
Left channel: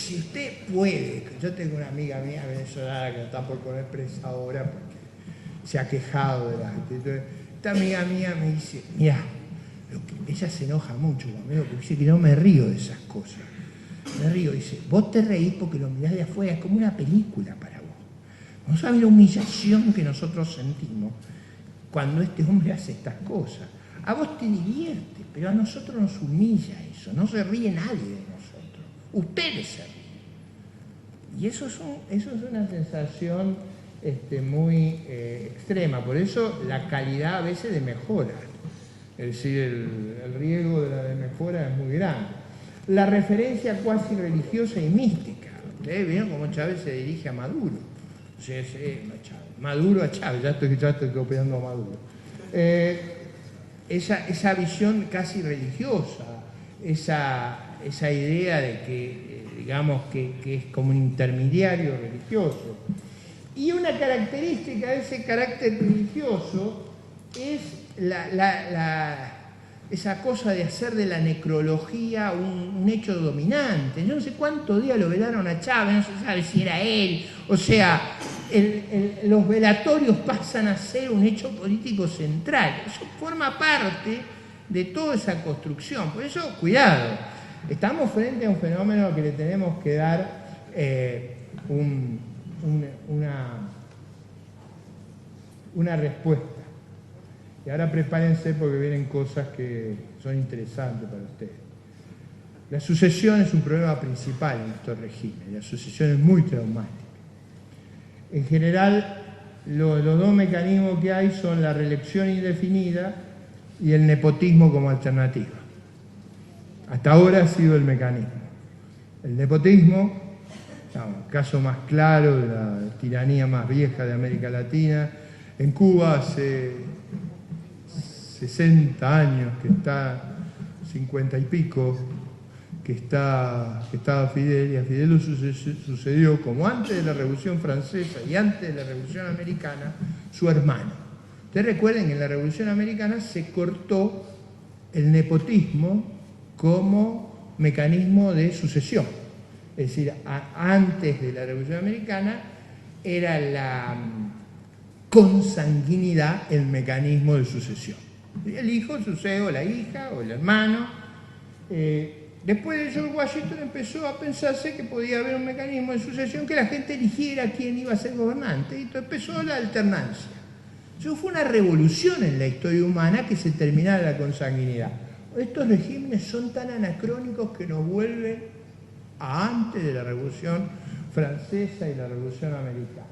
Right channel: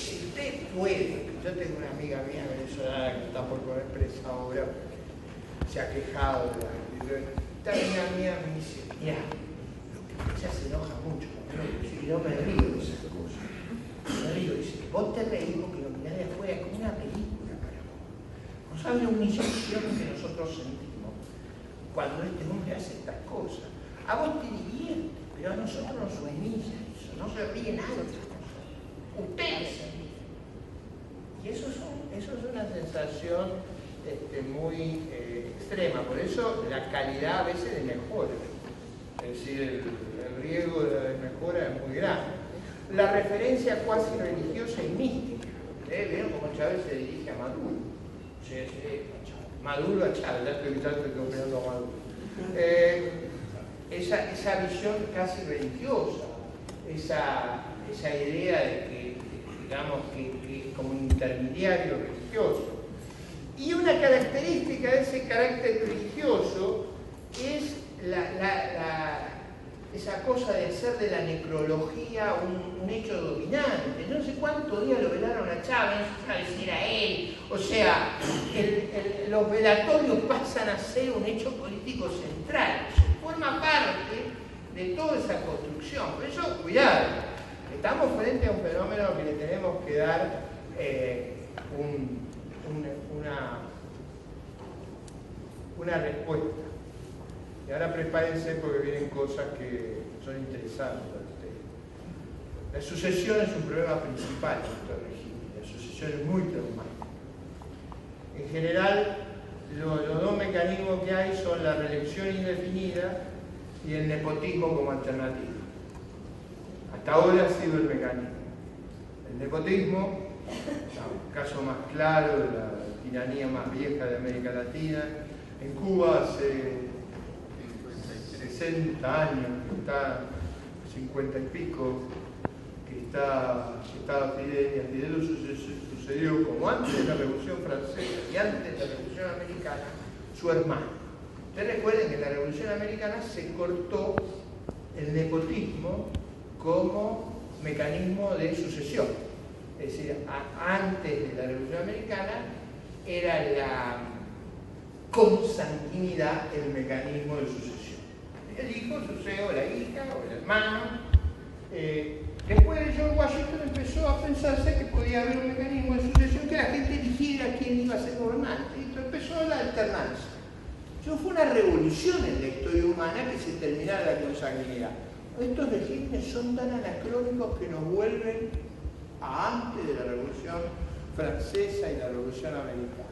puede, yo tengo una amiga mía venezolana que está por poner presa ahora porque se ha quejado de la actitud. Esta amiga mía me dice, mira, ella se enoja mucho conmigo, porque dice que no me río de esas cosas. Me río, dice, vos te reís porque lo mirás de afuera, es como una película para vos. No sabes la humillación que nosotros sentimos cuando este hombre hace estas cosas. A vos te divierte, pero a nosotros nos humilla eso, no se ríe nadie de nosotros. Ustedes se ríen. Y eso es una sensación muy extrema, por eso la calidad a veces de mejora. Es decir, el riesgo de la desmejora es muy grande. La referencia cuasi religiosa y mística. ¿Vieron cómo Chávez se dirige a Maduro? Maduro a Chávez, ya estoy copiando a Maduro. Esa visión casi religiosa, esa idea de que, digamos, que es como intermediario religioso. Y una característica de ese carácter religioso es esa cosa de hacer de la necrología un hecho dominante. Yo no sé cuántos días lo velaron a Chávez, no se sabe si era él. O sea, los velatorios pasan a ser un hecho político central. Eso forma parte de toda esa construcción. Por eso, cuidado, estamos frente a un fenómeno que le tenemos que dar una respuesta. Y ahora prepárense porque vienen cosas que son interesantes para ustedes. La sucesión es un problema principal en estos regímenes. La sucesión es muy traumática. En general, los dos mecanismos que hay son la reelección indefinida y el nepotismo como alternativa. Hasta ahora ha sido el mecanismo. El nepotismo, el caso más claro de la tiranía más vieja de América Latina, en Cuba hace 60 años que está, 50 y pico, que estaba Fidel, y a Fidel sucedió, como antes de la Revolución Francesa y antes de la Revolución Americana, su hermano. Ustedes recuerden que en la Revolución Americana se cortó el nepotismo como mecanismo de sucesión. Es decir, antes de la Revolución Americana era la consanguinidad el mecanismo de sucesión. El hijo sucede o la hija o el hermano. Después de George Washington empezó a pensarse que podía haber un mecanismo de sucesión que la gente eligiera quién iba a ser gobernante. Y empezó la alternancia. Eso fue una revolución en la historia humana que se terminara la consanguinidad. Estos regímenes son tan anacrónicos que nos vuelven a antes de la Revolución Francesa y la Revolución Americana.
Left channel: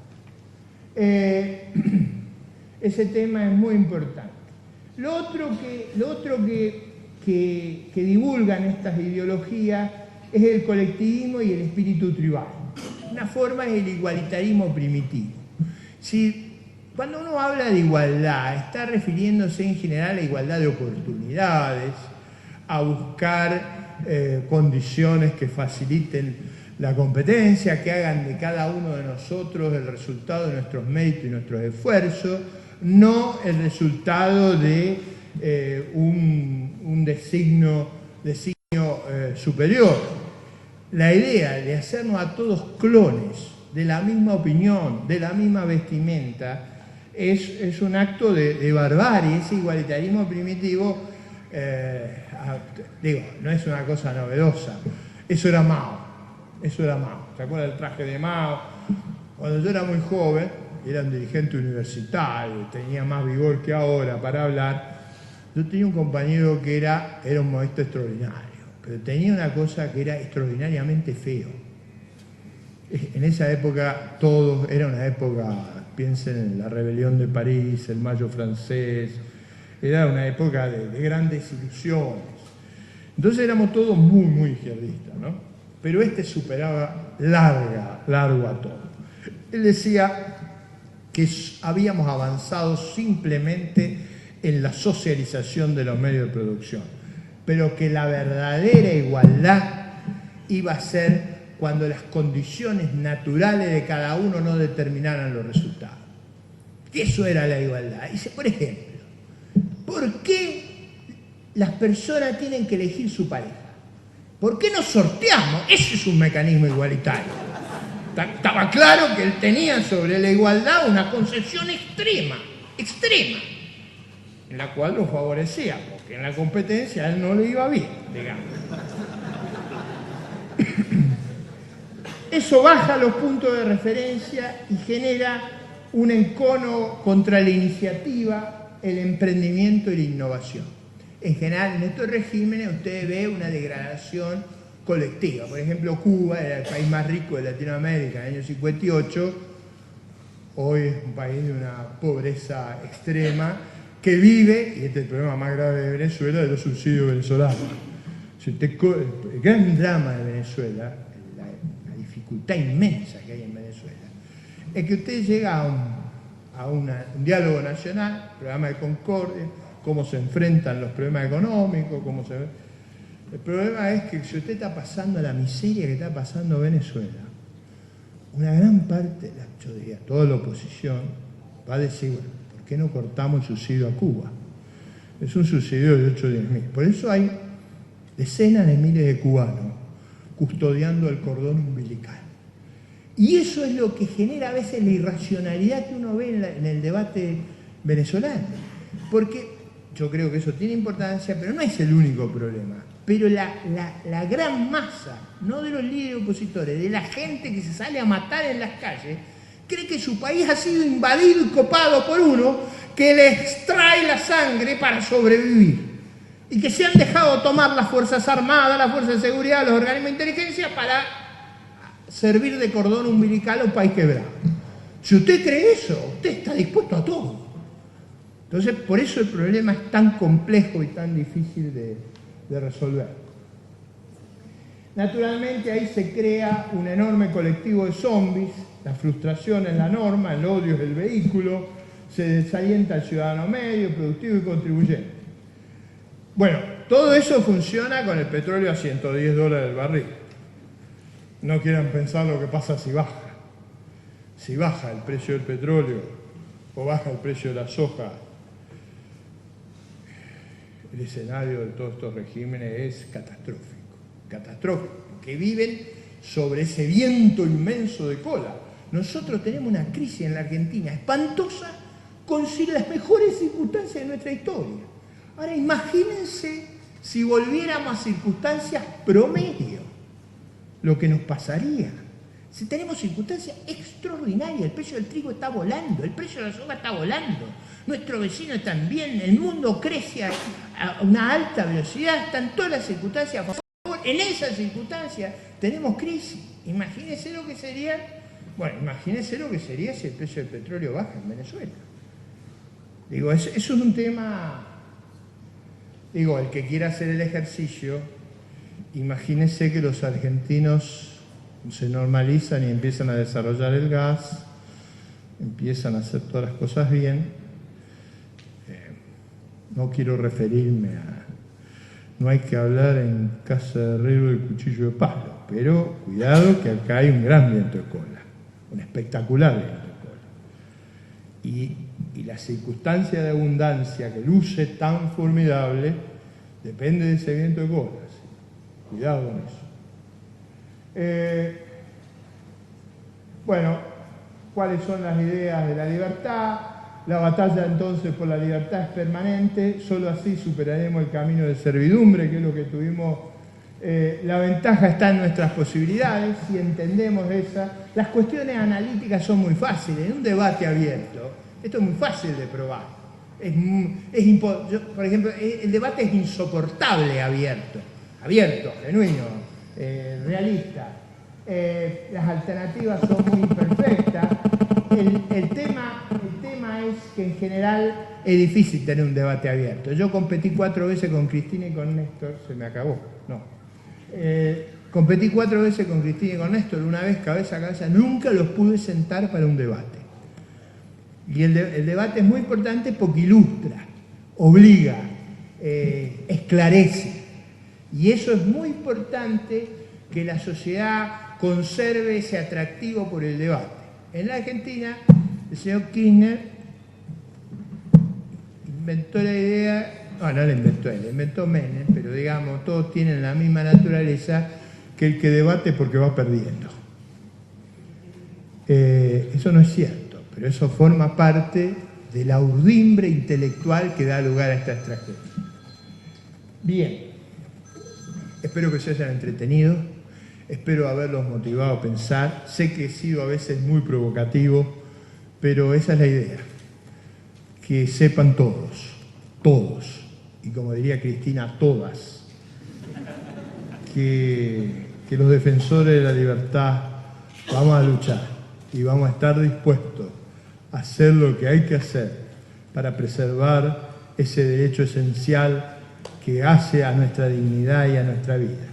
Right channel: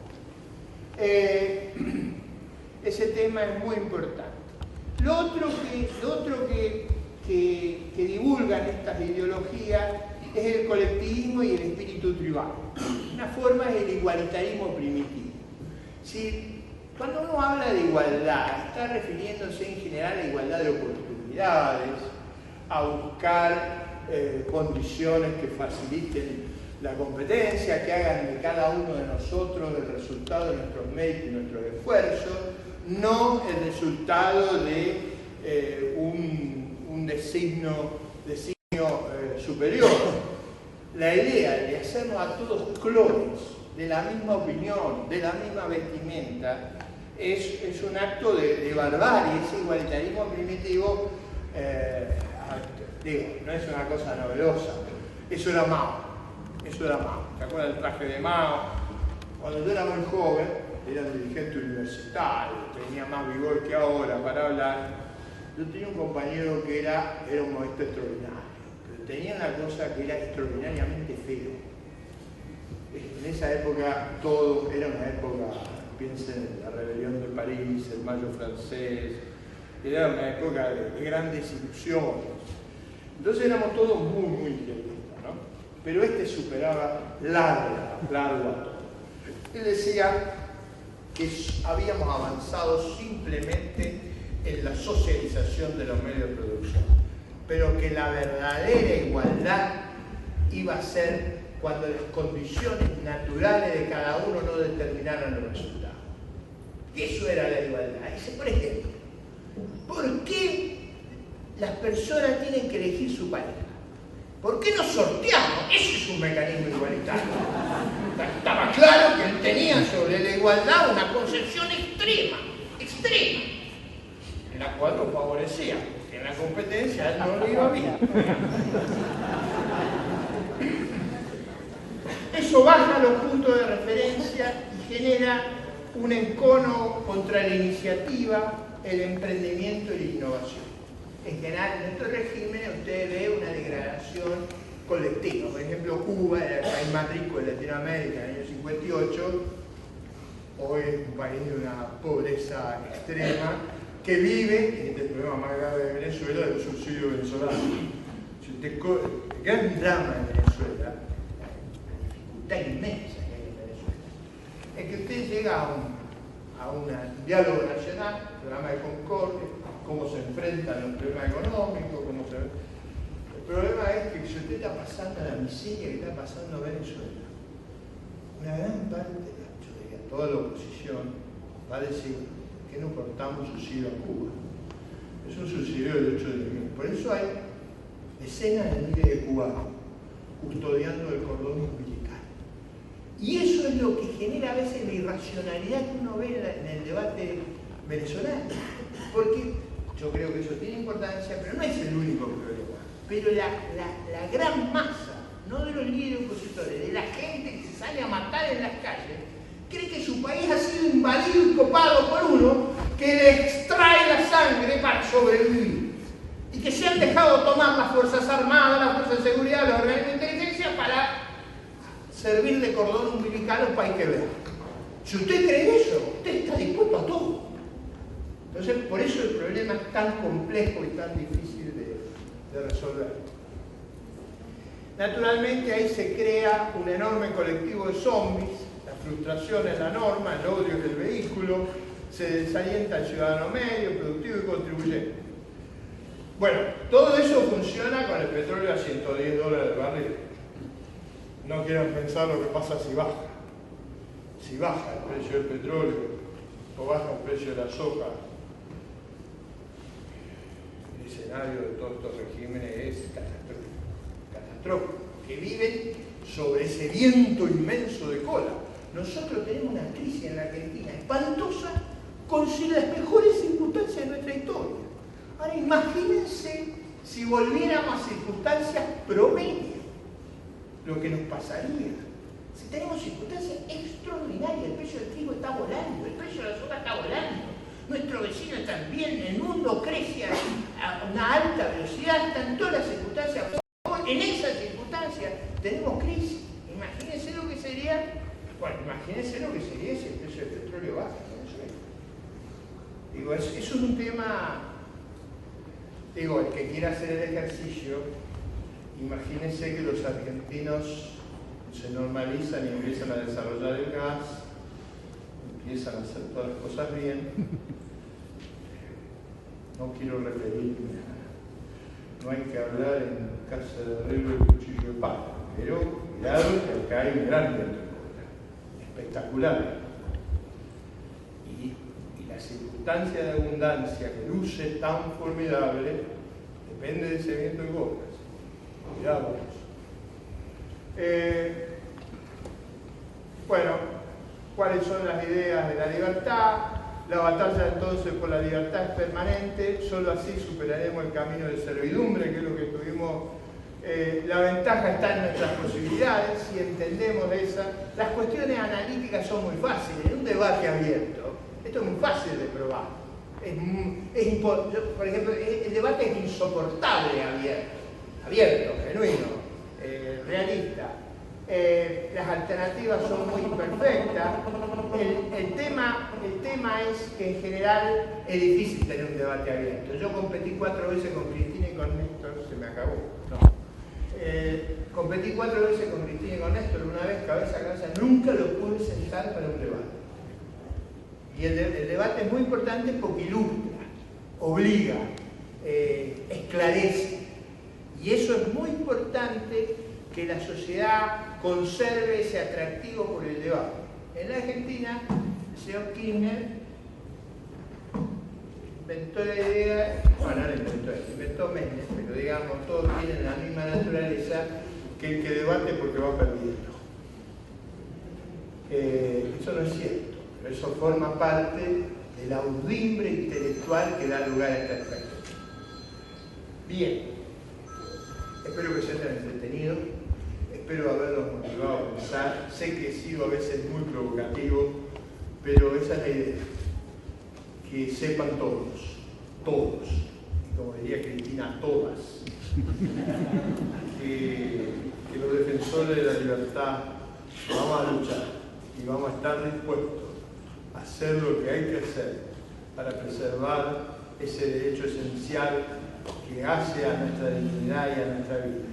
Ese tema es muy importante. Lo otro que divulgan estas ideologías es el colectivismo y el espíritu tribal. Una forma es el igualitarismo primitivo. Si, cuando uno habla de igualdad, está refiriéndose en general a igualdad de oportunidades, a buscar condiciones que faciliten la competencia, que hagan de cada uno de nosotros el resultado de nuestros méritos y nuestros esfuerzos, no el resultado de un designio superior. La idea de hacernos a todos clones de la misma opinión, de la misma vestimenta, es un acto de barbarie. Ese igualitarismo primitivo, no es una cosa novedosa. Eso era Mao. ¿Te acuerdas del traje de Mao? Cuando yo era muy joven, era un dirigente universitario, tenía más vigor que ahora para hablar. Yo tenía un compañero que era un maestro extraordinario, pero tenía una cosa que era extraordinariamente feo. En esa época era una época, piensen en la rebelión de París, el Mayo francés, era una época de grandes ilusiones. Entonces éramos todos muy, muy izquierdistas, ¿no? Pero superaba largo a todo. Él decía que habíamos avanzado simplemente en la socialización de los medios de producción, pero que la verdadera igualdad iba a ser cuando las condiciones naturales de cada uno no determinaran los resultados. Eso era la igualdad. Dice, por ejemplo, ¿por qué las personas tienen que elegir su pareja. ¿Por qué no sorteamos? Ese es un mecanismo igualitario. Estaba claro que él tenía sobre la igualdad una concepción extrema, en la cual lo favorecía, porque en la competencia a él no le iba bien. Eso baja los puntos de referencia y genera un encono contra la iniciativa, el emprendimiento y la innovación. En general, en estos regímenes usted ve una degradación colectiva. Por ejemplo, Cuba era el país más rico de Latinoamérica en el año 58. Hoy es un país de una pobreza extrema que vive, y este es el problema más grave de Venezuela, de los subsidios venezolanos. El gran drama de Venezuela, la dificultad inmensa que hay en Venezuela, es que usted llega a un diálogo nacional, programa de concordia, cómo se enfrentan los problemas económicos, El problema es que si usted está pasando la miseria que está pasando Venezuela, una gran parte, yo diría, toda la oposición va a decir, bueno, ¿por qué no cortamos el subsidio a Cuba? Es un subsidio de 8 o 10 mil. Por eso hay decenas de miles de cubanos custodiando el cordón umbilical. Y eso es lo que genera a veces la irracionalidad que uno ve en el debate venezolano. Porque yo creo que eso tiene importancia, pero no es el único problema. Pero la gran masa, no de los líderes opositores, de la gente que se sale a matar en las calles, cree que su país ha sido invadido y copado por uno que le extrae la sangre para sobrevivir. Y que se han dejado tomar las Fuerzas Armadas, las Fuerzas de Seguridad, los organismos de inteligencia para servir de cordón umbilical a un país quebrado. Si usted cree eso, usted está dispuesto a todo. Entonces, por eso el problema es tan complejo y tan difícil de resolver. Naturalmente ahí se crea un enorme colectivo de zombies, la frustración es la norma, el odio es el vehículo, se desalienta al ciudadano medio, productivo y contribuyente. Bueno, todo eso funciona con el petróleo a $110 el barril. No quieran pensar lo que pasa si baja. Si baja el precio del petróleo o baja el precio de la soja, el escenario de todos estos regímenes es catastrófico, que viven sobre ese viento inmenso de cola. Nosotros tenemos una crisis en la Argentina espantosa con las mejores circunstancias de nuestra historia. Ahora imagínense si volviéramos a circunstancias promedio, lo que nos pasaría. Si tenemos circunstancias extraordinarias, el precio del trigo está volando, el precio de la soja está volando, nuestro vecino también, el mundo crece a una alta velocidad, están todas las circunstancias. En esas circunstancias tenemos crisis. Imagínense lo que sería, imagínense lo que sería si el precio del petróleo baja en Venezuela. Digo, eso es un tema, digo, el que quiera hacer el ejercicio, imagínense que los argentinos se normalizan y empiezan a desarrollar el gas, empiezan a hacer todas las cosas bien. No quiero referirme no hay que hablar en casa de herrero del cuchillo de palo, pero cuidado que acá hay un gran viento de cola, un espectacular viento de cola. Y la circunstancia de abundancia que luce tan formidable depende de ese viento de cola. Cuidado con eso. ¿Cuáles son las ideas de la libertad? La batalla entonces por la libertad es permanente, solo así superaremos el camino de servidumbre, que es lo que tuvimos. La ventaja está en nuestras posibilidades, si entendemos esa. Las cuestiones analíticas son muy fáciles, en un debate abierto, esto es muy fácil de probar. Por ejemplo, el debate es insoportable abierto, genuino, realista. Las alternativas son muy imperfectas. El tema es que en general es difícil tener un debate abierto. Yo competí 4 veces con Cristina y con Néstor, se me acabó. No. Competí 4 veces con Cristina y con Néstor, una vez cabeza a cabeza, nunca los pude sentar para un debate. Y el debate es muy importante porque ilustra, obliga, esclarece. Y eso es muy importante, que la sociedad conserve ese atractivo por el debate. En la Argentina, el señor Kirchner inventó la idea, no la inventó él, la inventó Menem, pero digamos, todos tienen la misma naturaleza, que el que debate porque va perdiendo. Eso no es cierto, pero eso forma parte de la urdimbre intelectual que da lugar a esta estrategia. Bien, espero que se hayan entretenido, espero haberlos motivado a pensar. Sé que he sido a veces muy provocativo, pero esa es la idea, que sepan todos, y como diría Cristina, todas, que los defensores de la libertad vamos a luchar y vamos a estar dispuestos a hacer lo que hay que hacer para preservar ese derecho esencial que hace a nuestra dignidad y a nuestra vida.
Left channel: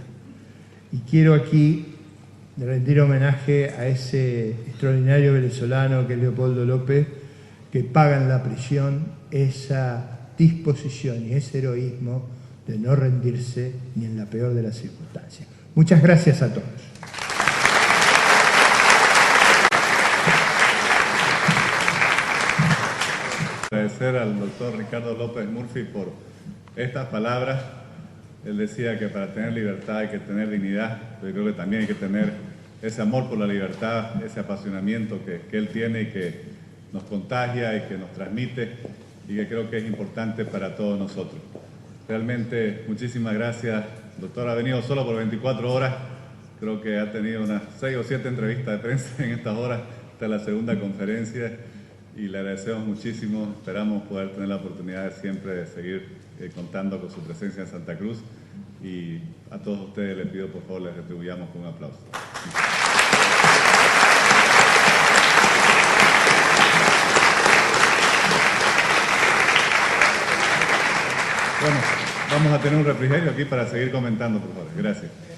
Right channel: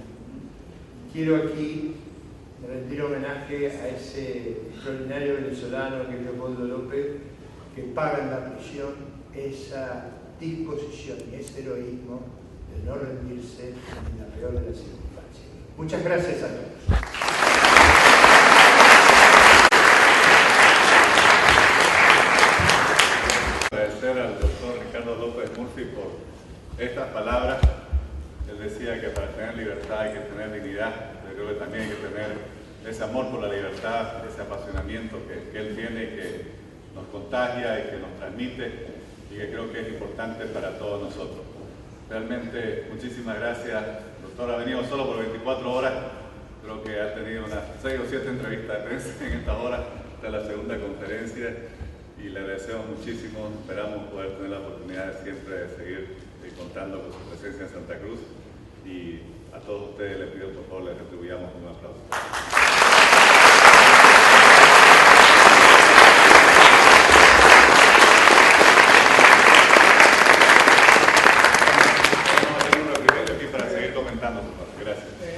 Y quiero aquí rendir homenaje a ese extraordinario venezolano que es Leopoldo López, que paga en la prisión esa disposición y ese heroísmo de no rendirse ni en la peor de las circunstancias. Muchas gracias a todos. Agradecer al doctor Ricardo López Murphy por estas palabras. Él decía que para tener libertad hay que tener dignidad, pero creo que también hay que tener ese amor por la libertad, ese apasionamiento que él tiene y que nos contagia y que nos transmite y que creo que es importante para todos nosotros. Realmente muchísimas gracias, doctor. Ha venido solo por 24 horas, creo que ha tenido unas 6 o 7 entrevistas de prensa en estas horas, esta es la segunda conferencia y le agradecemos muchísimo. Esperamos poder tener la oportunidad siempre de seguir contando con su presencia en Santa Cruz y a todos ustedes les pido por favor les retribuyamos con un aplauso. Vamos a tener un refrigerio aquí para seguir comentando, por favor. Gracias.